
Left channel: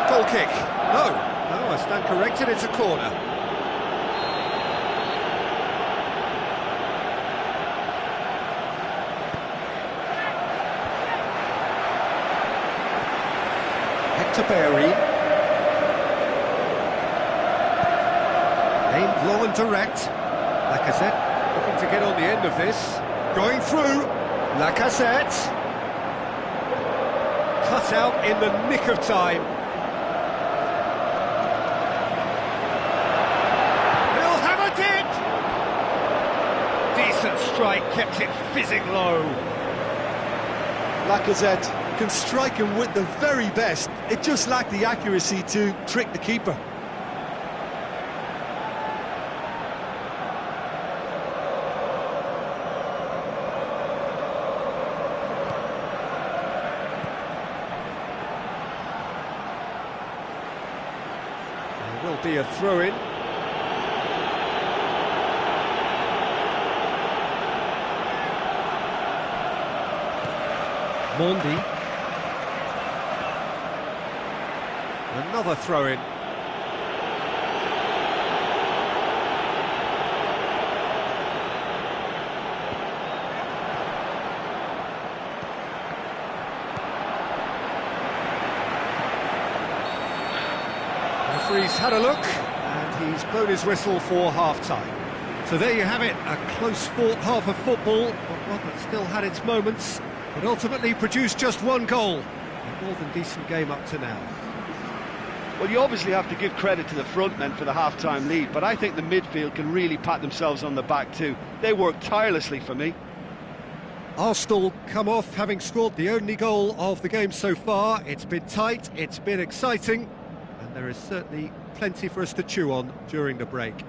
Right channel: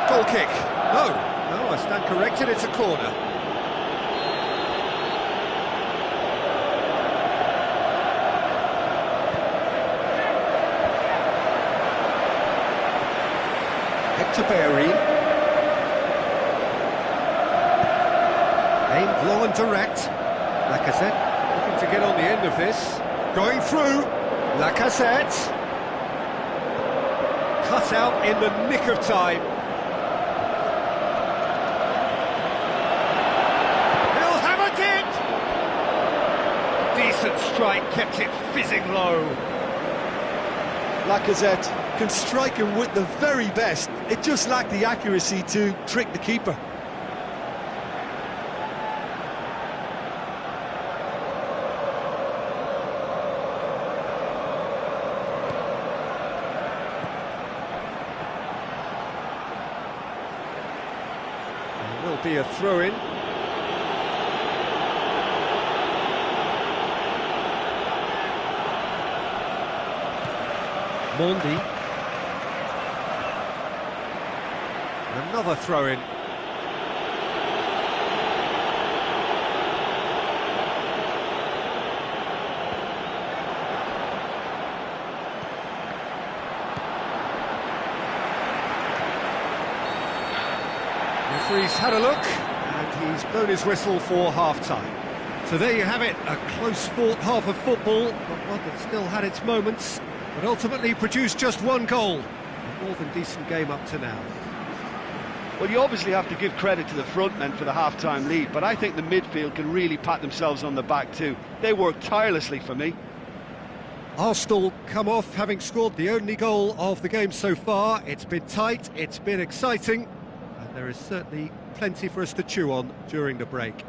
Goal kick. No, I stand corrected, it's a corner. Hector Bellerin. Aimed low and direct. Lacazette looking to get on the end of this. Going through. Lacazette. Cut out in the nick of time. He'll have it! Decent strike, kept it fizzing low. Lacazette can strike him with the very best. It just lacked the accuracy to trick the keeper. There will be a throw-in. Mondi. Another throw-in. Referee's had a look, and he's blown his whistle for half-time. So there you have it, a close-fought half of football, but one that still had its moments, but ultimately produced just one goal. A more than decent game up to now. Well, you obviously have to give credit to the front men for the half-time lead, but I think the midfield can really pat themselves on the back too. They worked tirelessly for me. Arsenal come off having scored the only goal of the game so far. It's been tight, it's been exciting, and there is certainly plenty for us to chew on during the break.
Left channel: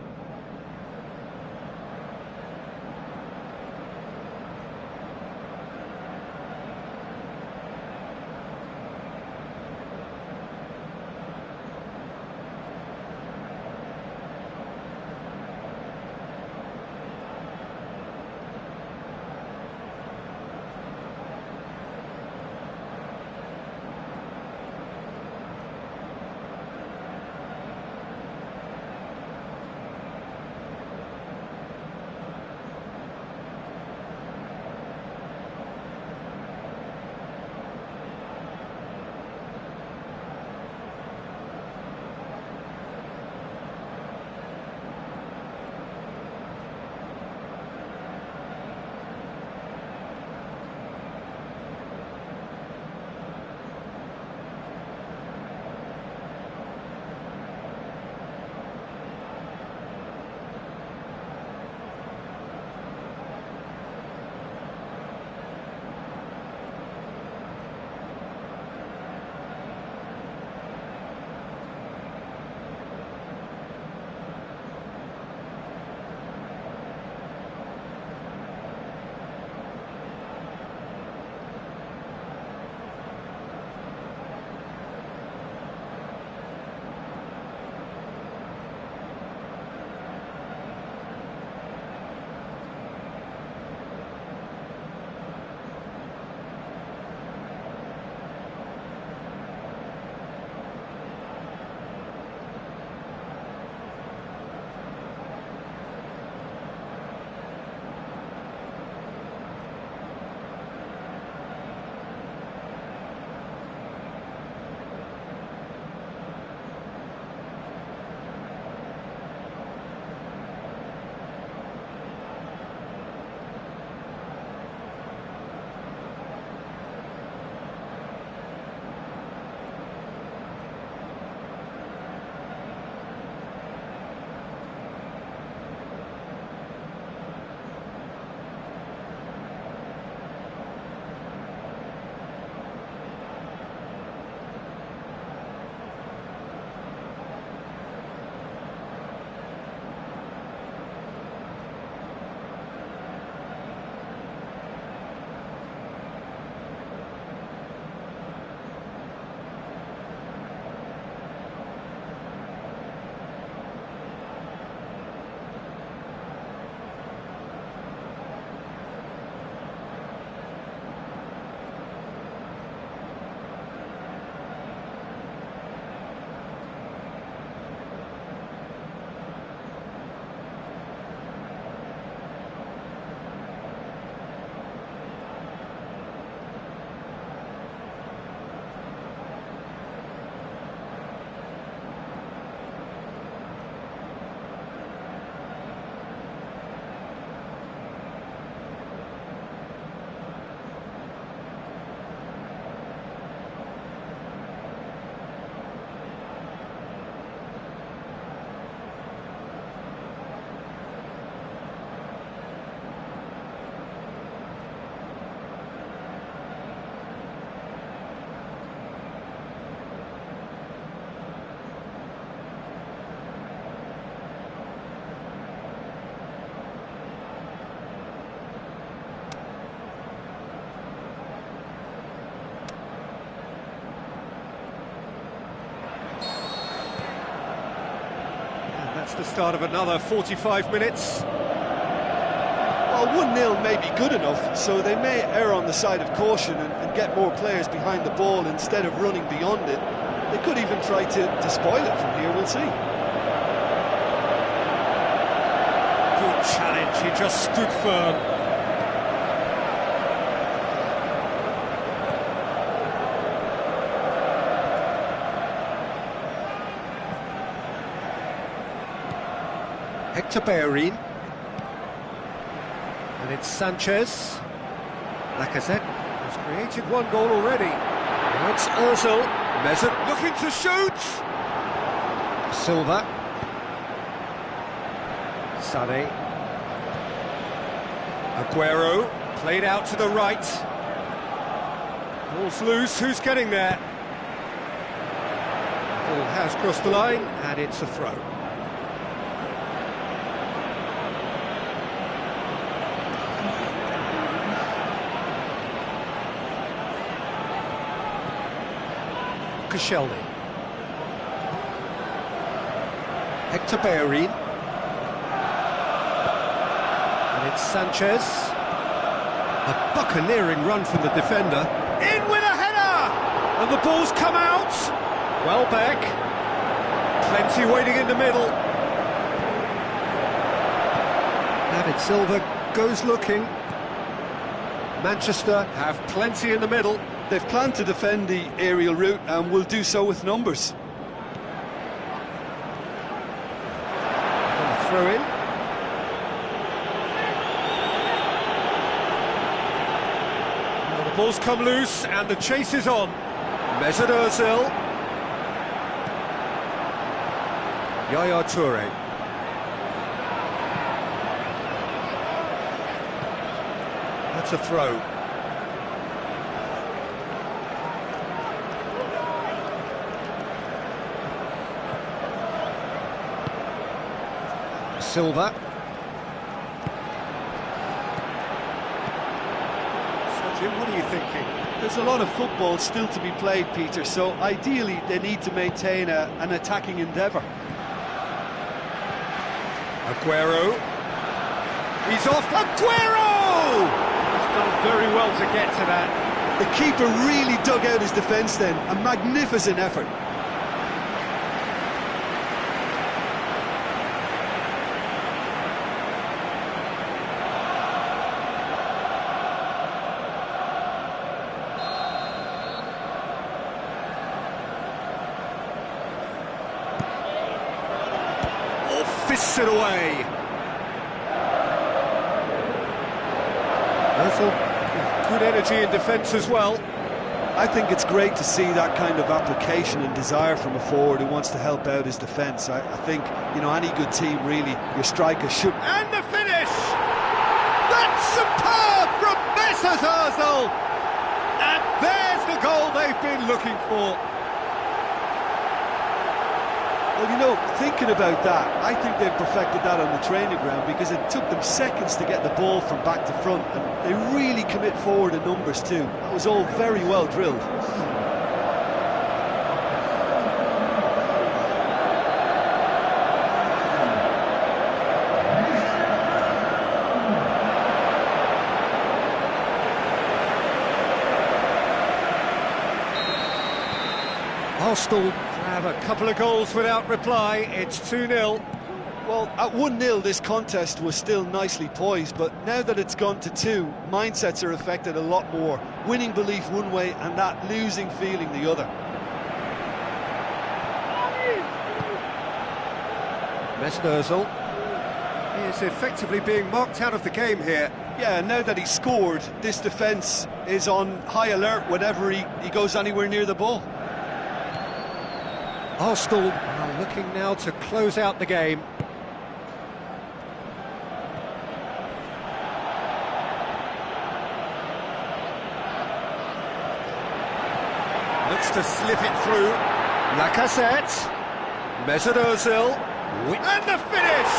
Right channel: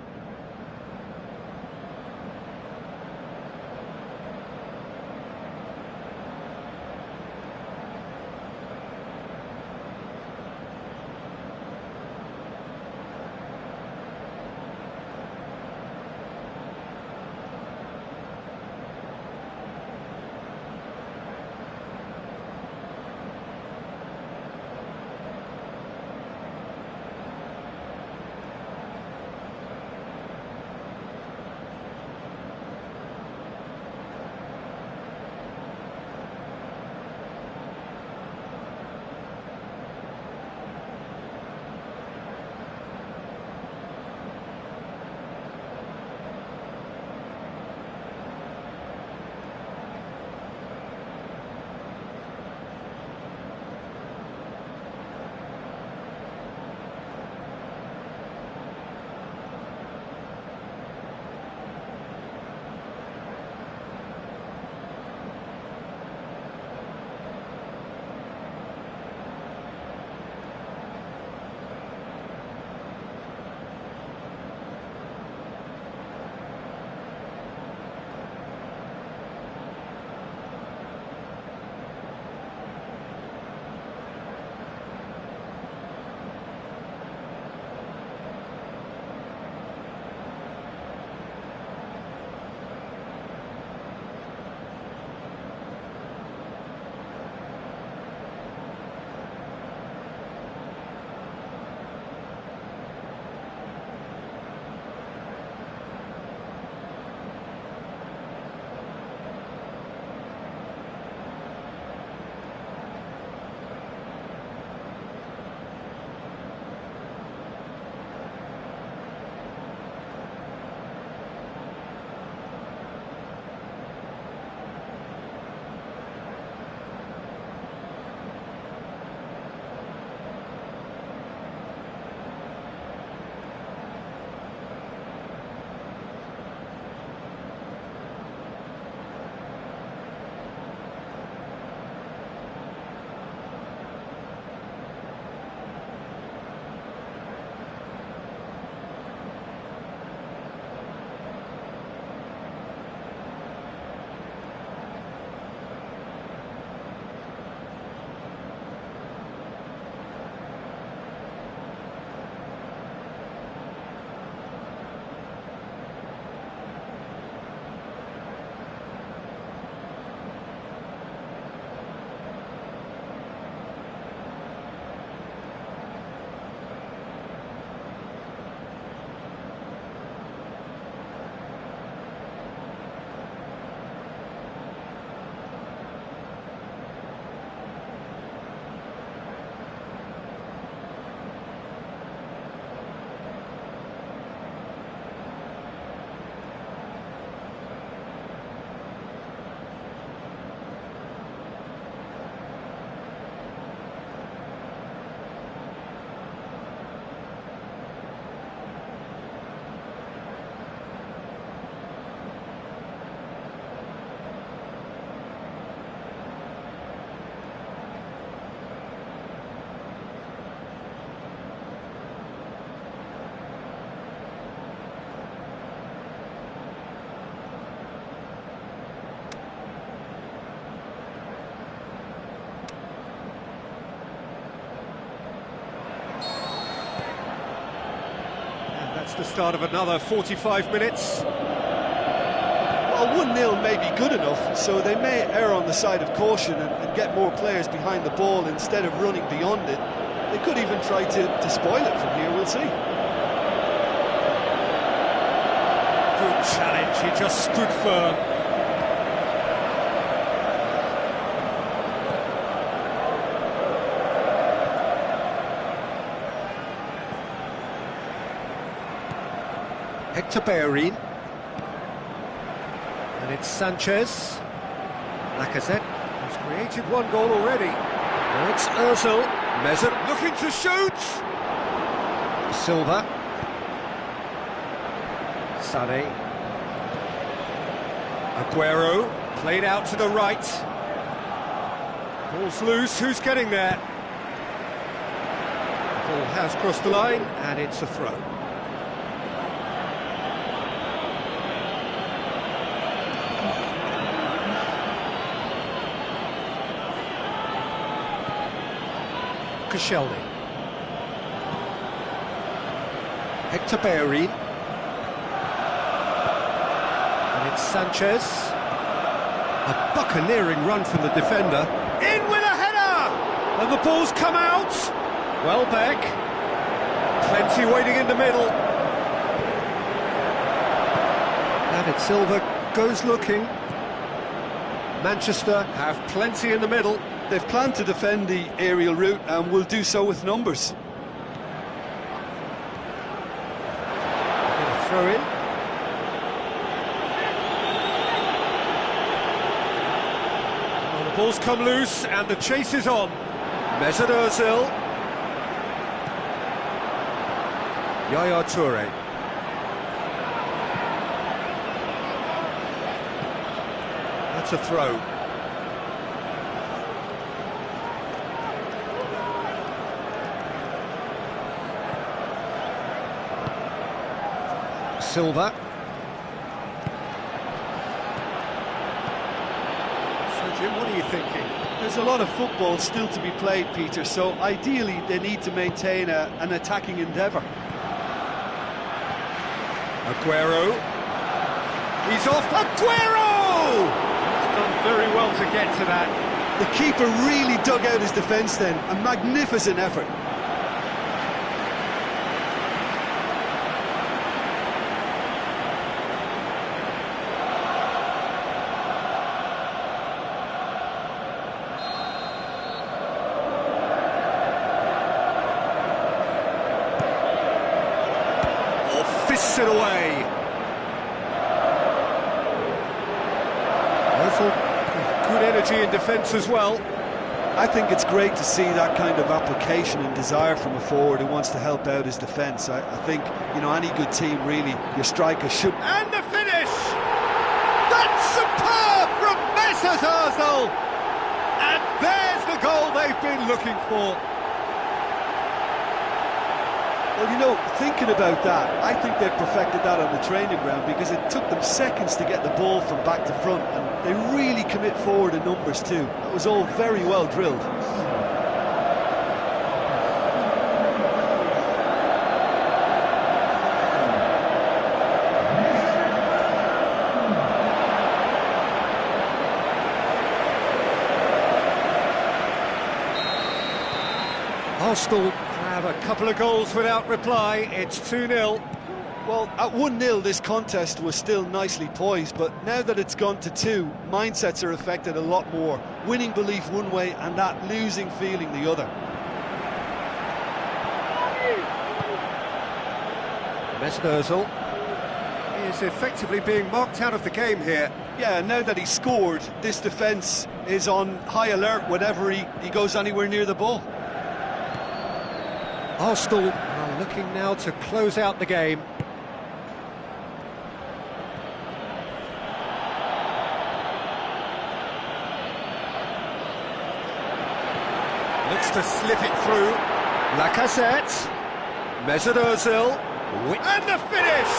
That's the start of another 45 minutes. Well, 1-0 may be good enough, so they may err on the side of caution and get more players behind the ball instead of running beyond it. They could even try to spoil it from here, we'll see. Good challenge, he just stood firm. Hector Bellerin. And it's Sanchez. Lacazette has created one goal already. Now it's Ozil. Mesut looking to shoot. Silva. Sané. Aguero. Played out to the right. Ball's loose. Who's getting there? The ball has crossed the line, and it's a throw. Koscielny. Hector Bellerin. And it's Sanchez. A buccaneering run from the defender. In with a header! And the ball's come out. Welbeck. Plenty waiting in the middle. David Silva goes looking. Manchester have plenty in the middle. They've planned to defend the aerial route and will do so with numbers. Going to throw in. Well, the ball's come loose and the chase is on. Mesut Ozil. Yaya Toure. That's a throw. Silva. So, Jim, what are you thinking? There's a lot of football still to be played, Peter, so ideally they need to maintain an attacking endeavour. Aguero. He's off. Aguero! He's done very well to get to that. The keeper really dug out his defence then. A magnificent effort. Fists it away. Ozil with good energy in defence as well. I think it's great to see that kind of application and desire from a forward who wants to help out his defence. I think, you know, any good team, really, your striker should... And the finish! That's superb from Mesut Ozil! And there's the goal they've been looking for. Well, you know, thinking about that, I think they've perfected that on the training ground because it took them seconds to get the ball from back to front, and they really commit forward in numbers too. That was all very well drilled. Arsenal have a couple of goals without reply. It's 2-0. Well, at 1-0 this contest was still nicely poised, but now that it's gone to 2, mindsets are affected a lot more. Winning belief one way and that losing feeling the other. Mesut Ozil is effectively being marked out of the game here. Yeah, now that he's scored, this defence is on high alert whenever he goes anywhere near the ball. Arsenal are looking now to close out the game. Looks to slip it through. Lacazette. Mesut Ozil. And the finish!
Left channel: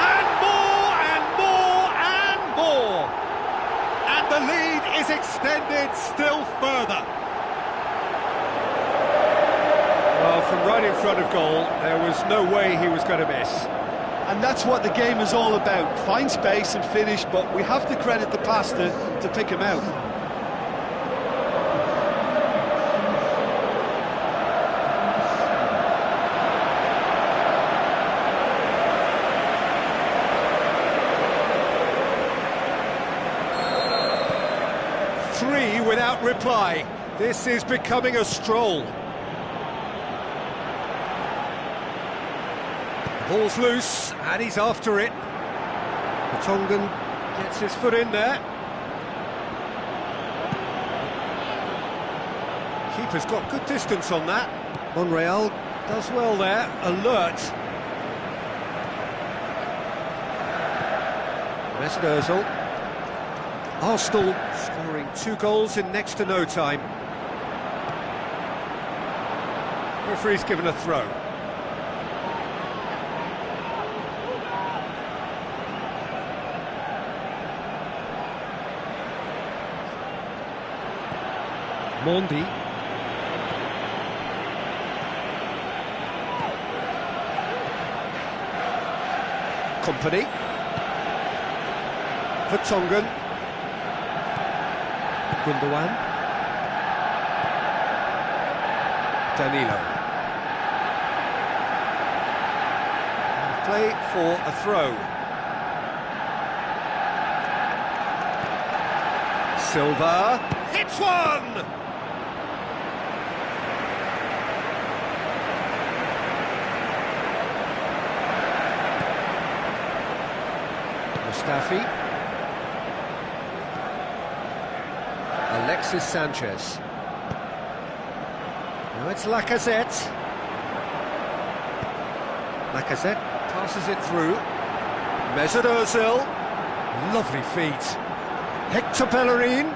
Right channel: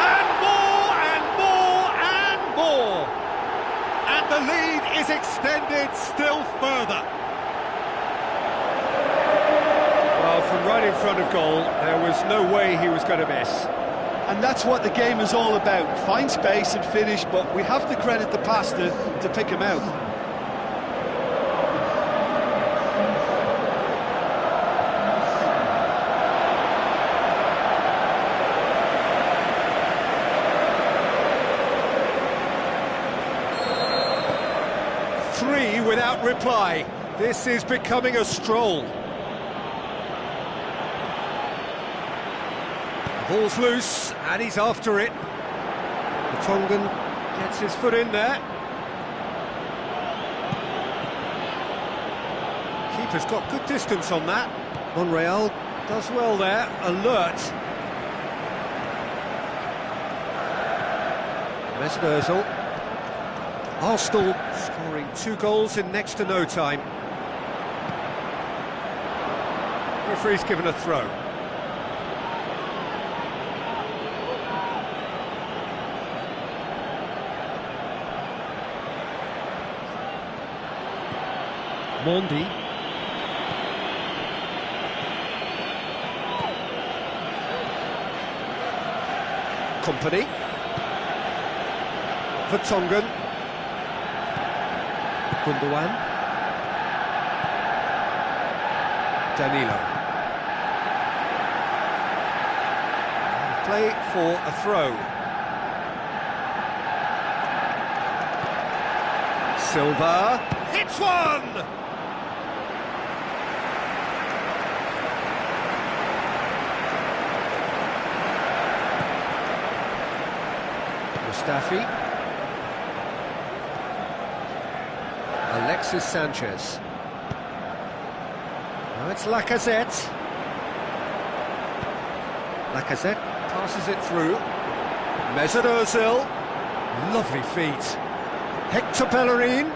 And more, and more, and more! And the lead is extended still further. Well, from right in front of goal, there was no way he was going to miss. And that's what the game is all about. Find space and finish, but we have to credit the pass to pick him out. Three without reply. This is becoming a stroll. The ball's loose, and he's after it. Vertonghen gets his foot in there. Keeper's got good distance on that. Monreal does well there, alert. Mesut Ozil. Arsenal scoring 2 goals in next to no time. Referee's given a throw. Mondi. Kompany. Vertonghen. Gundogan. Danilo. Play for a throw. Silva hits one! Mustafi. Alexis Sanchez. Now it's Lacazette. Lacazette passes it through. Mesut Ozil. Lovely feet. Hector Bellerin.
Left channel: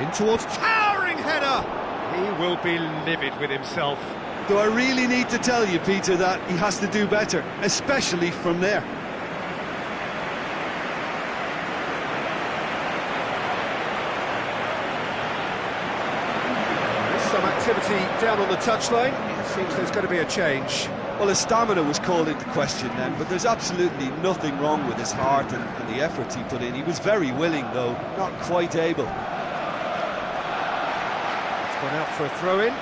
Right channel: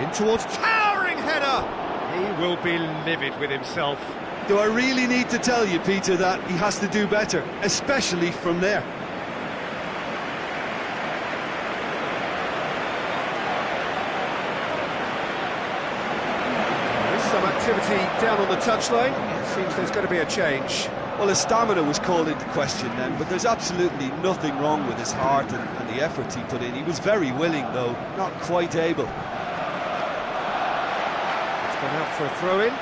In towards towering header. He will be livid with himself. Do I really need to tell you, Peter, that he has to do better, especially from there? Some activity down on the touchline. It seems there's going to be a change. Well, his stamina was called into question then, but there's absolutely nothing wrong with his heart and the efforts he put in. He was very willing, though, not quite able. It's gone out for a throw-in.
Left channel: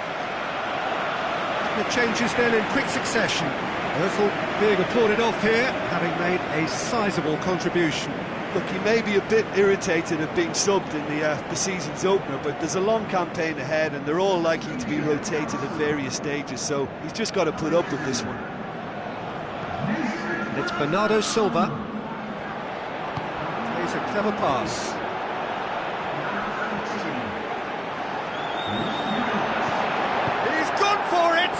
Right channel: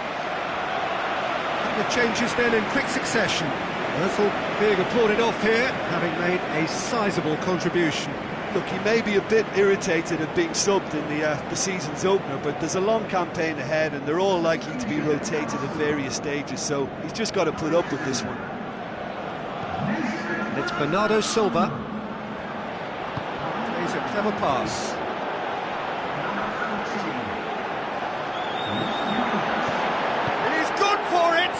The changes then in quick succession. Ozil being applauded off here, having made a sizable contribution. Look, he may be a bit irritated at being subbed in the season's opener, but there's a long campaign ahead and they're all likely to be rotated at various stages, so he's just got to put up with this one. And it's Bernardo Silva. Plays a clever pass. He's gone for it!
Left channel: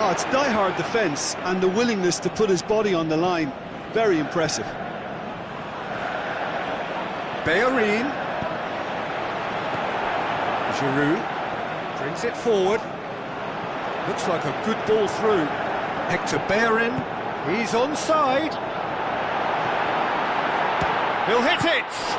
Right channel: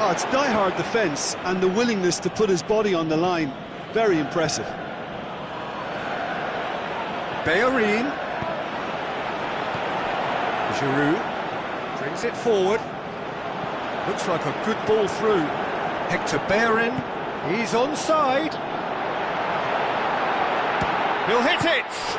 Oh, it's die-hard defence and the willingness to put his body on the line. Very impressive. Bellerin. Giroud brings it forward. Looks like a good ball through. Hector Bellerin. He's onside. He'll hit it!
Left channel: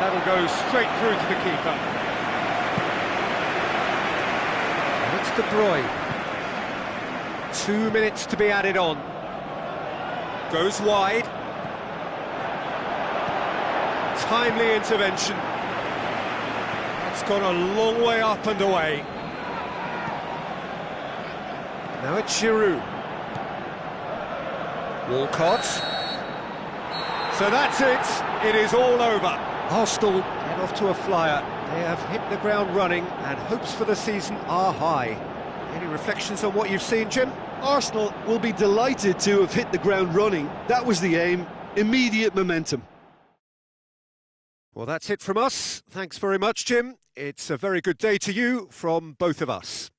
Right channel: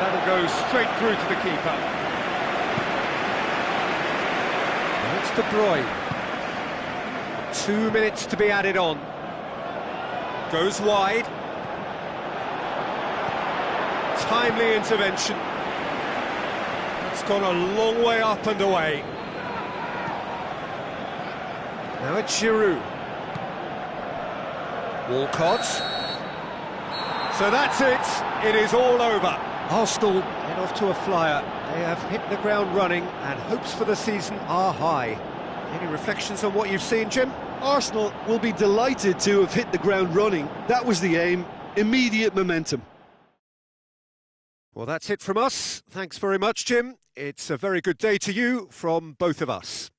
That'll go straight through to the keeper. And it's De Bruyne. 2 minutes to be added on. Goes wide. Timely intervention. That's gone a long way up and away. Now it's Giroud. Walcott. So that's it. It is all over. Arsenal get off to a flyer. They have hit the ground running and hopes for the season are high. Any reflections on what you've seen, Jim? Arsenal will be delighted to have hit the ground running. That was the aim. Immediate momentum. Well, that's it from us. Thanks very much, Jim. It's a very good day to you from both of us.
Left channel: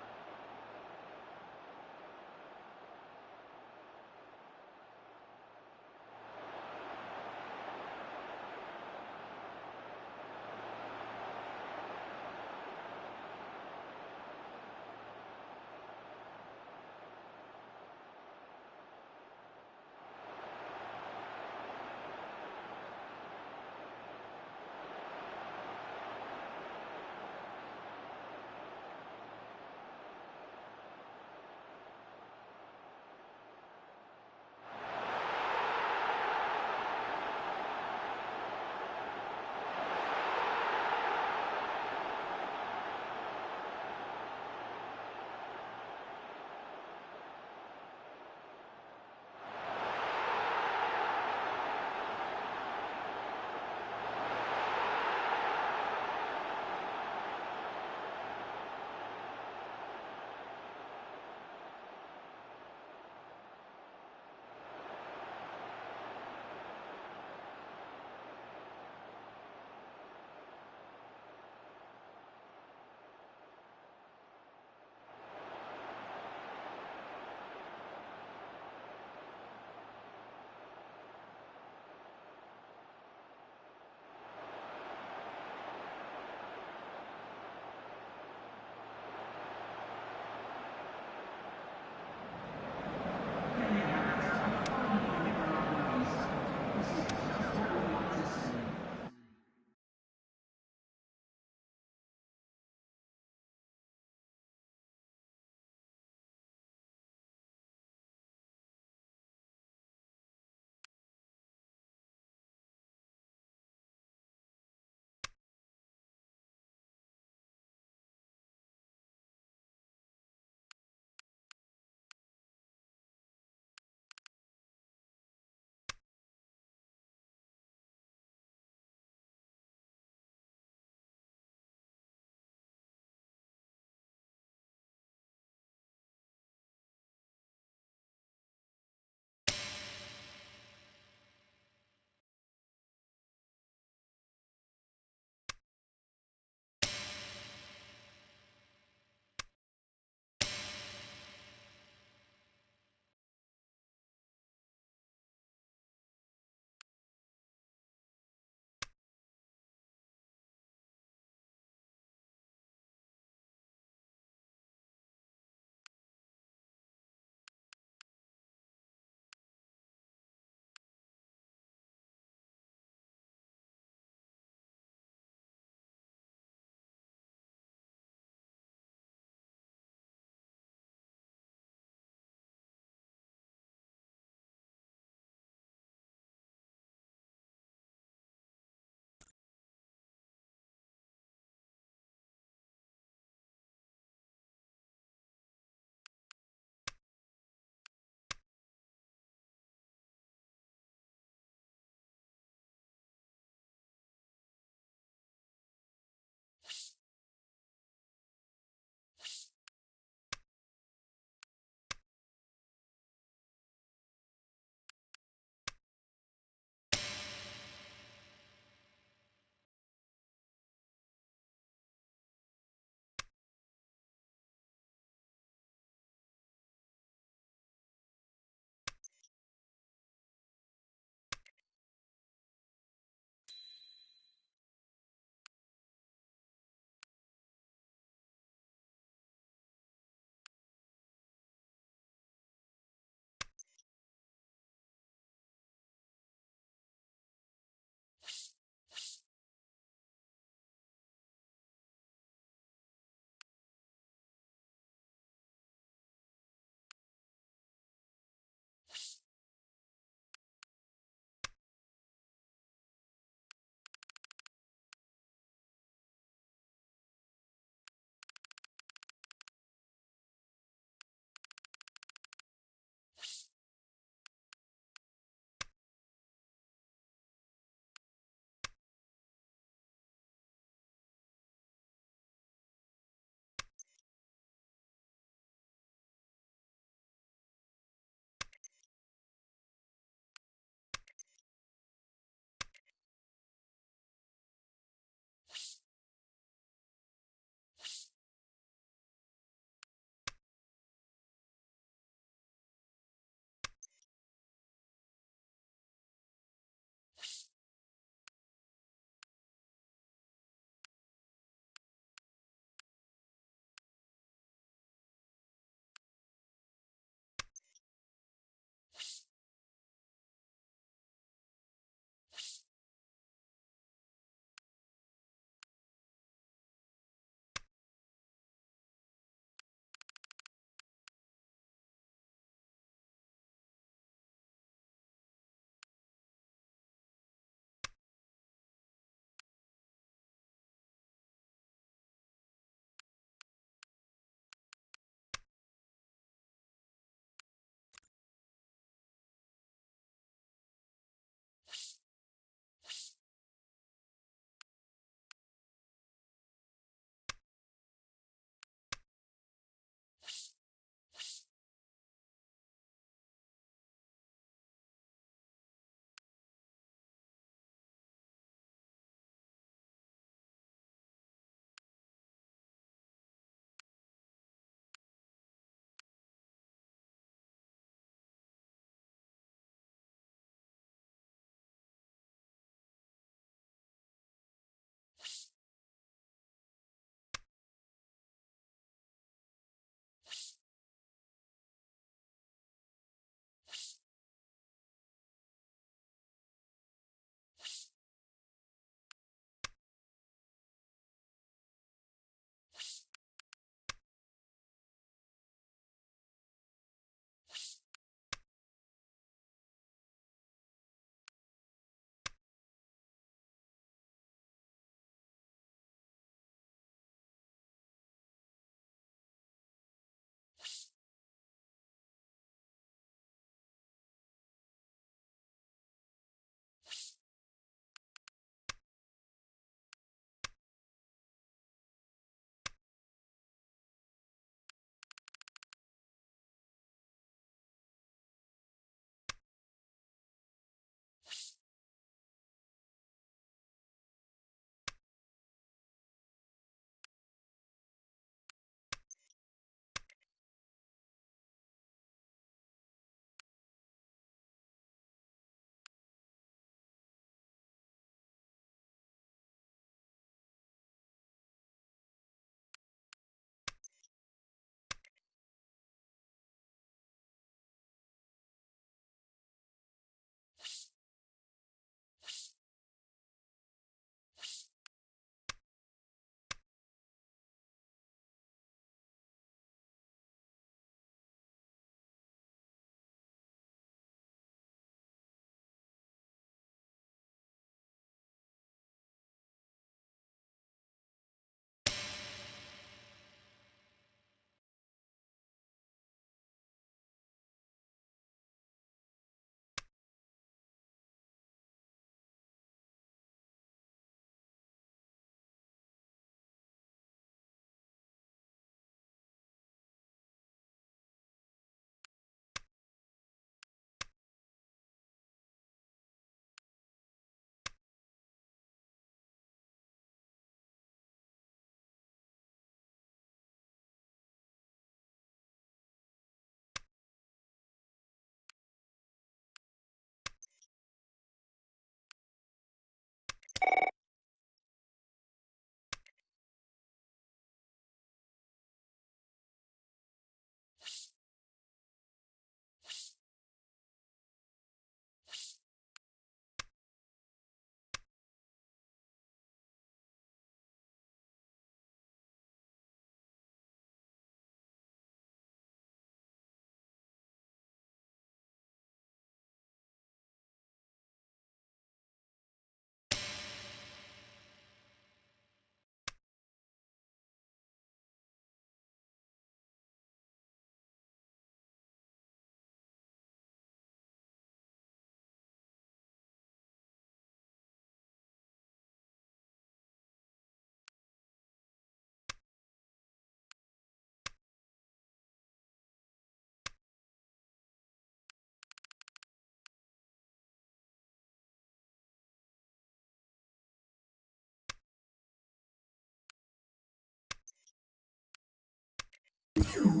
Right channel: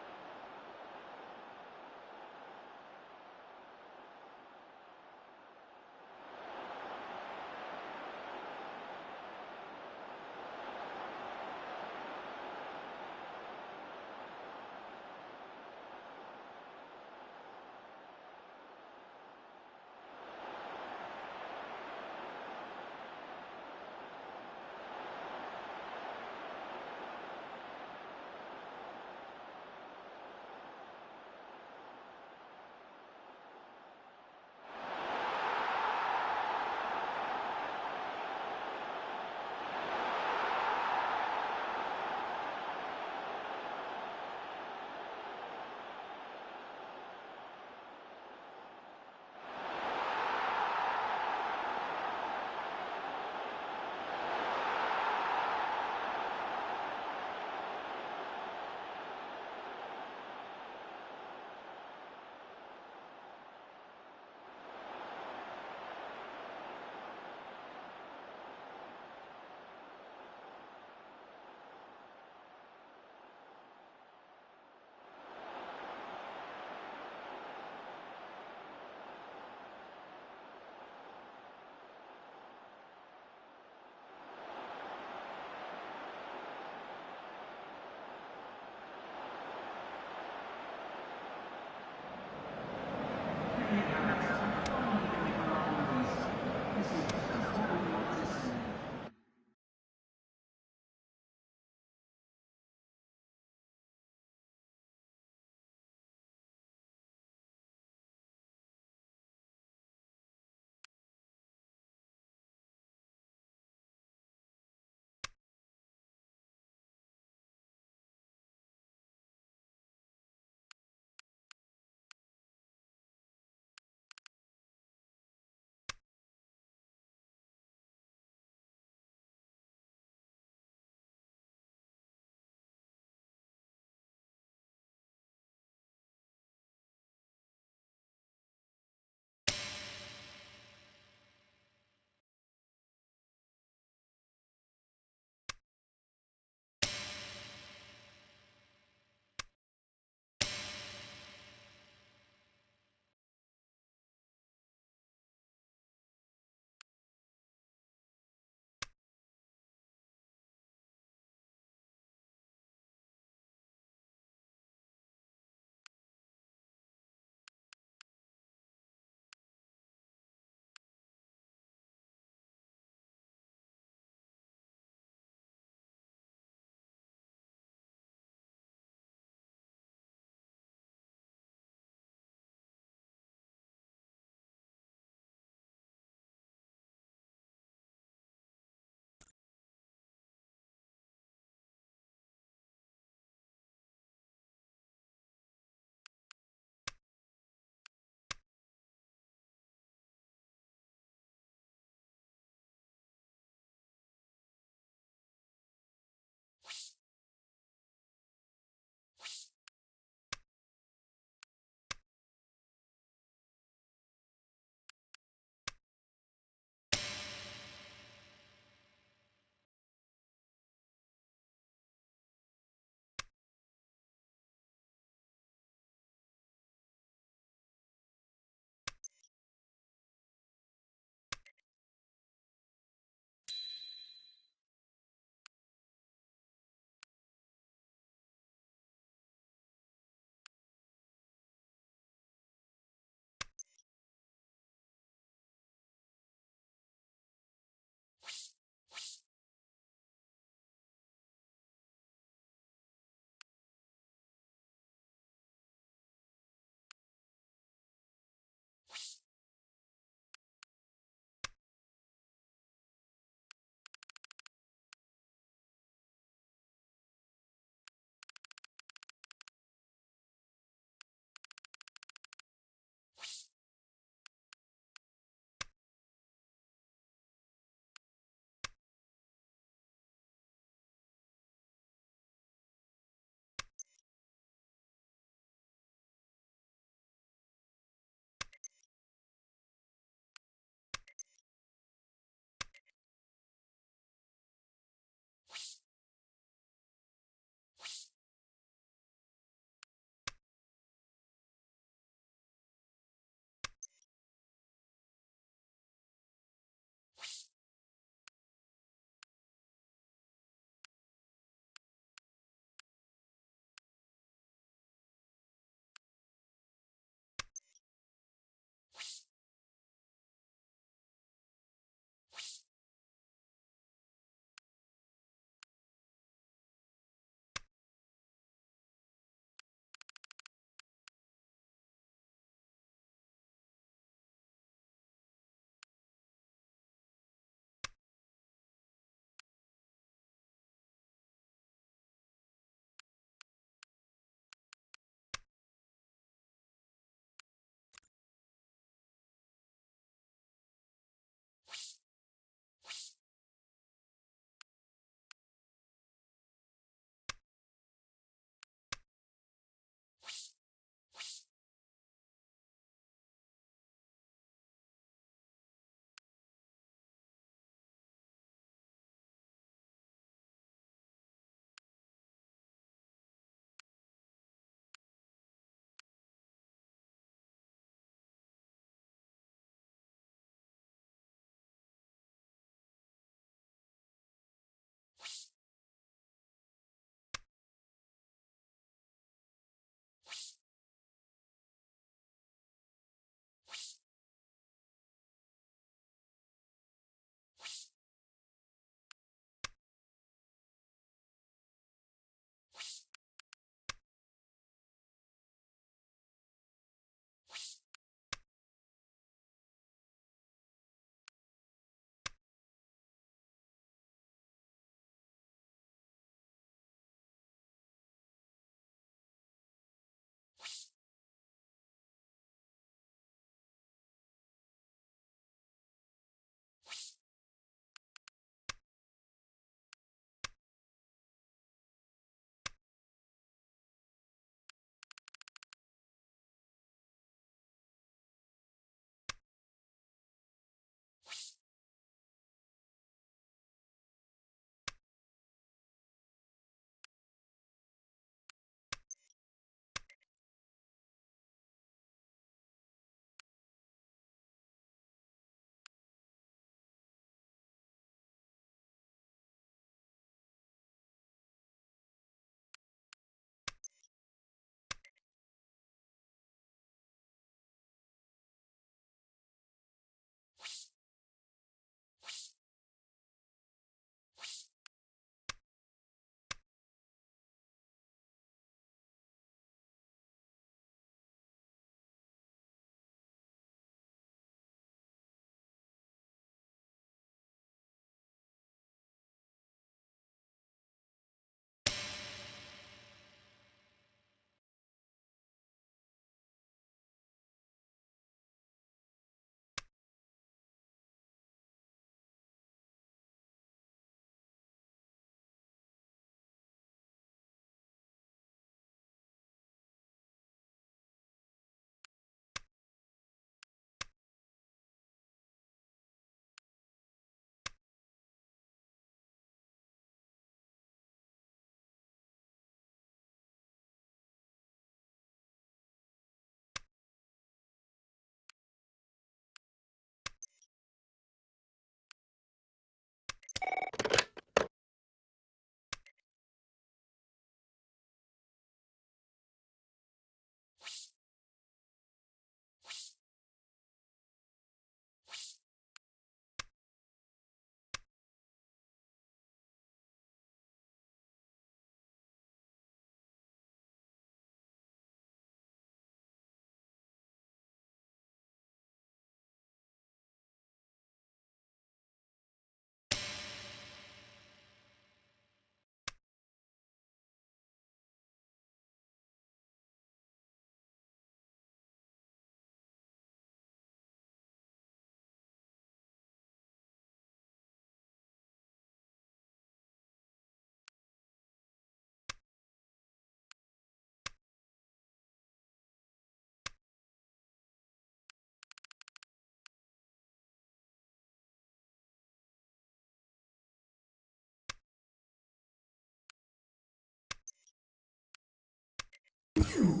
You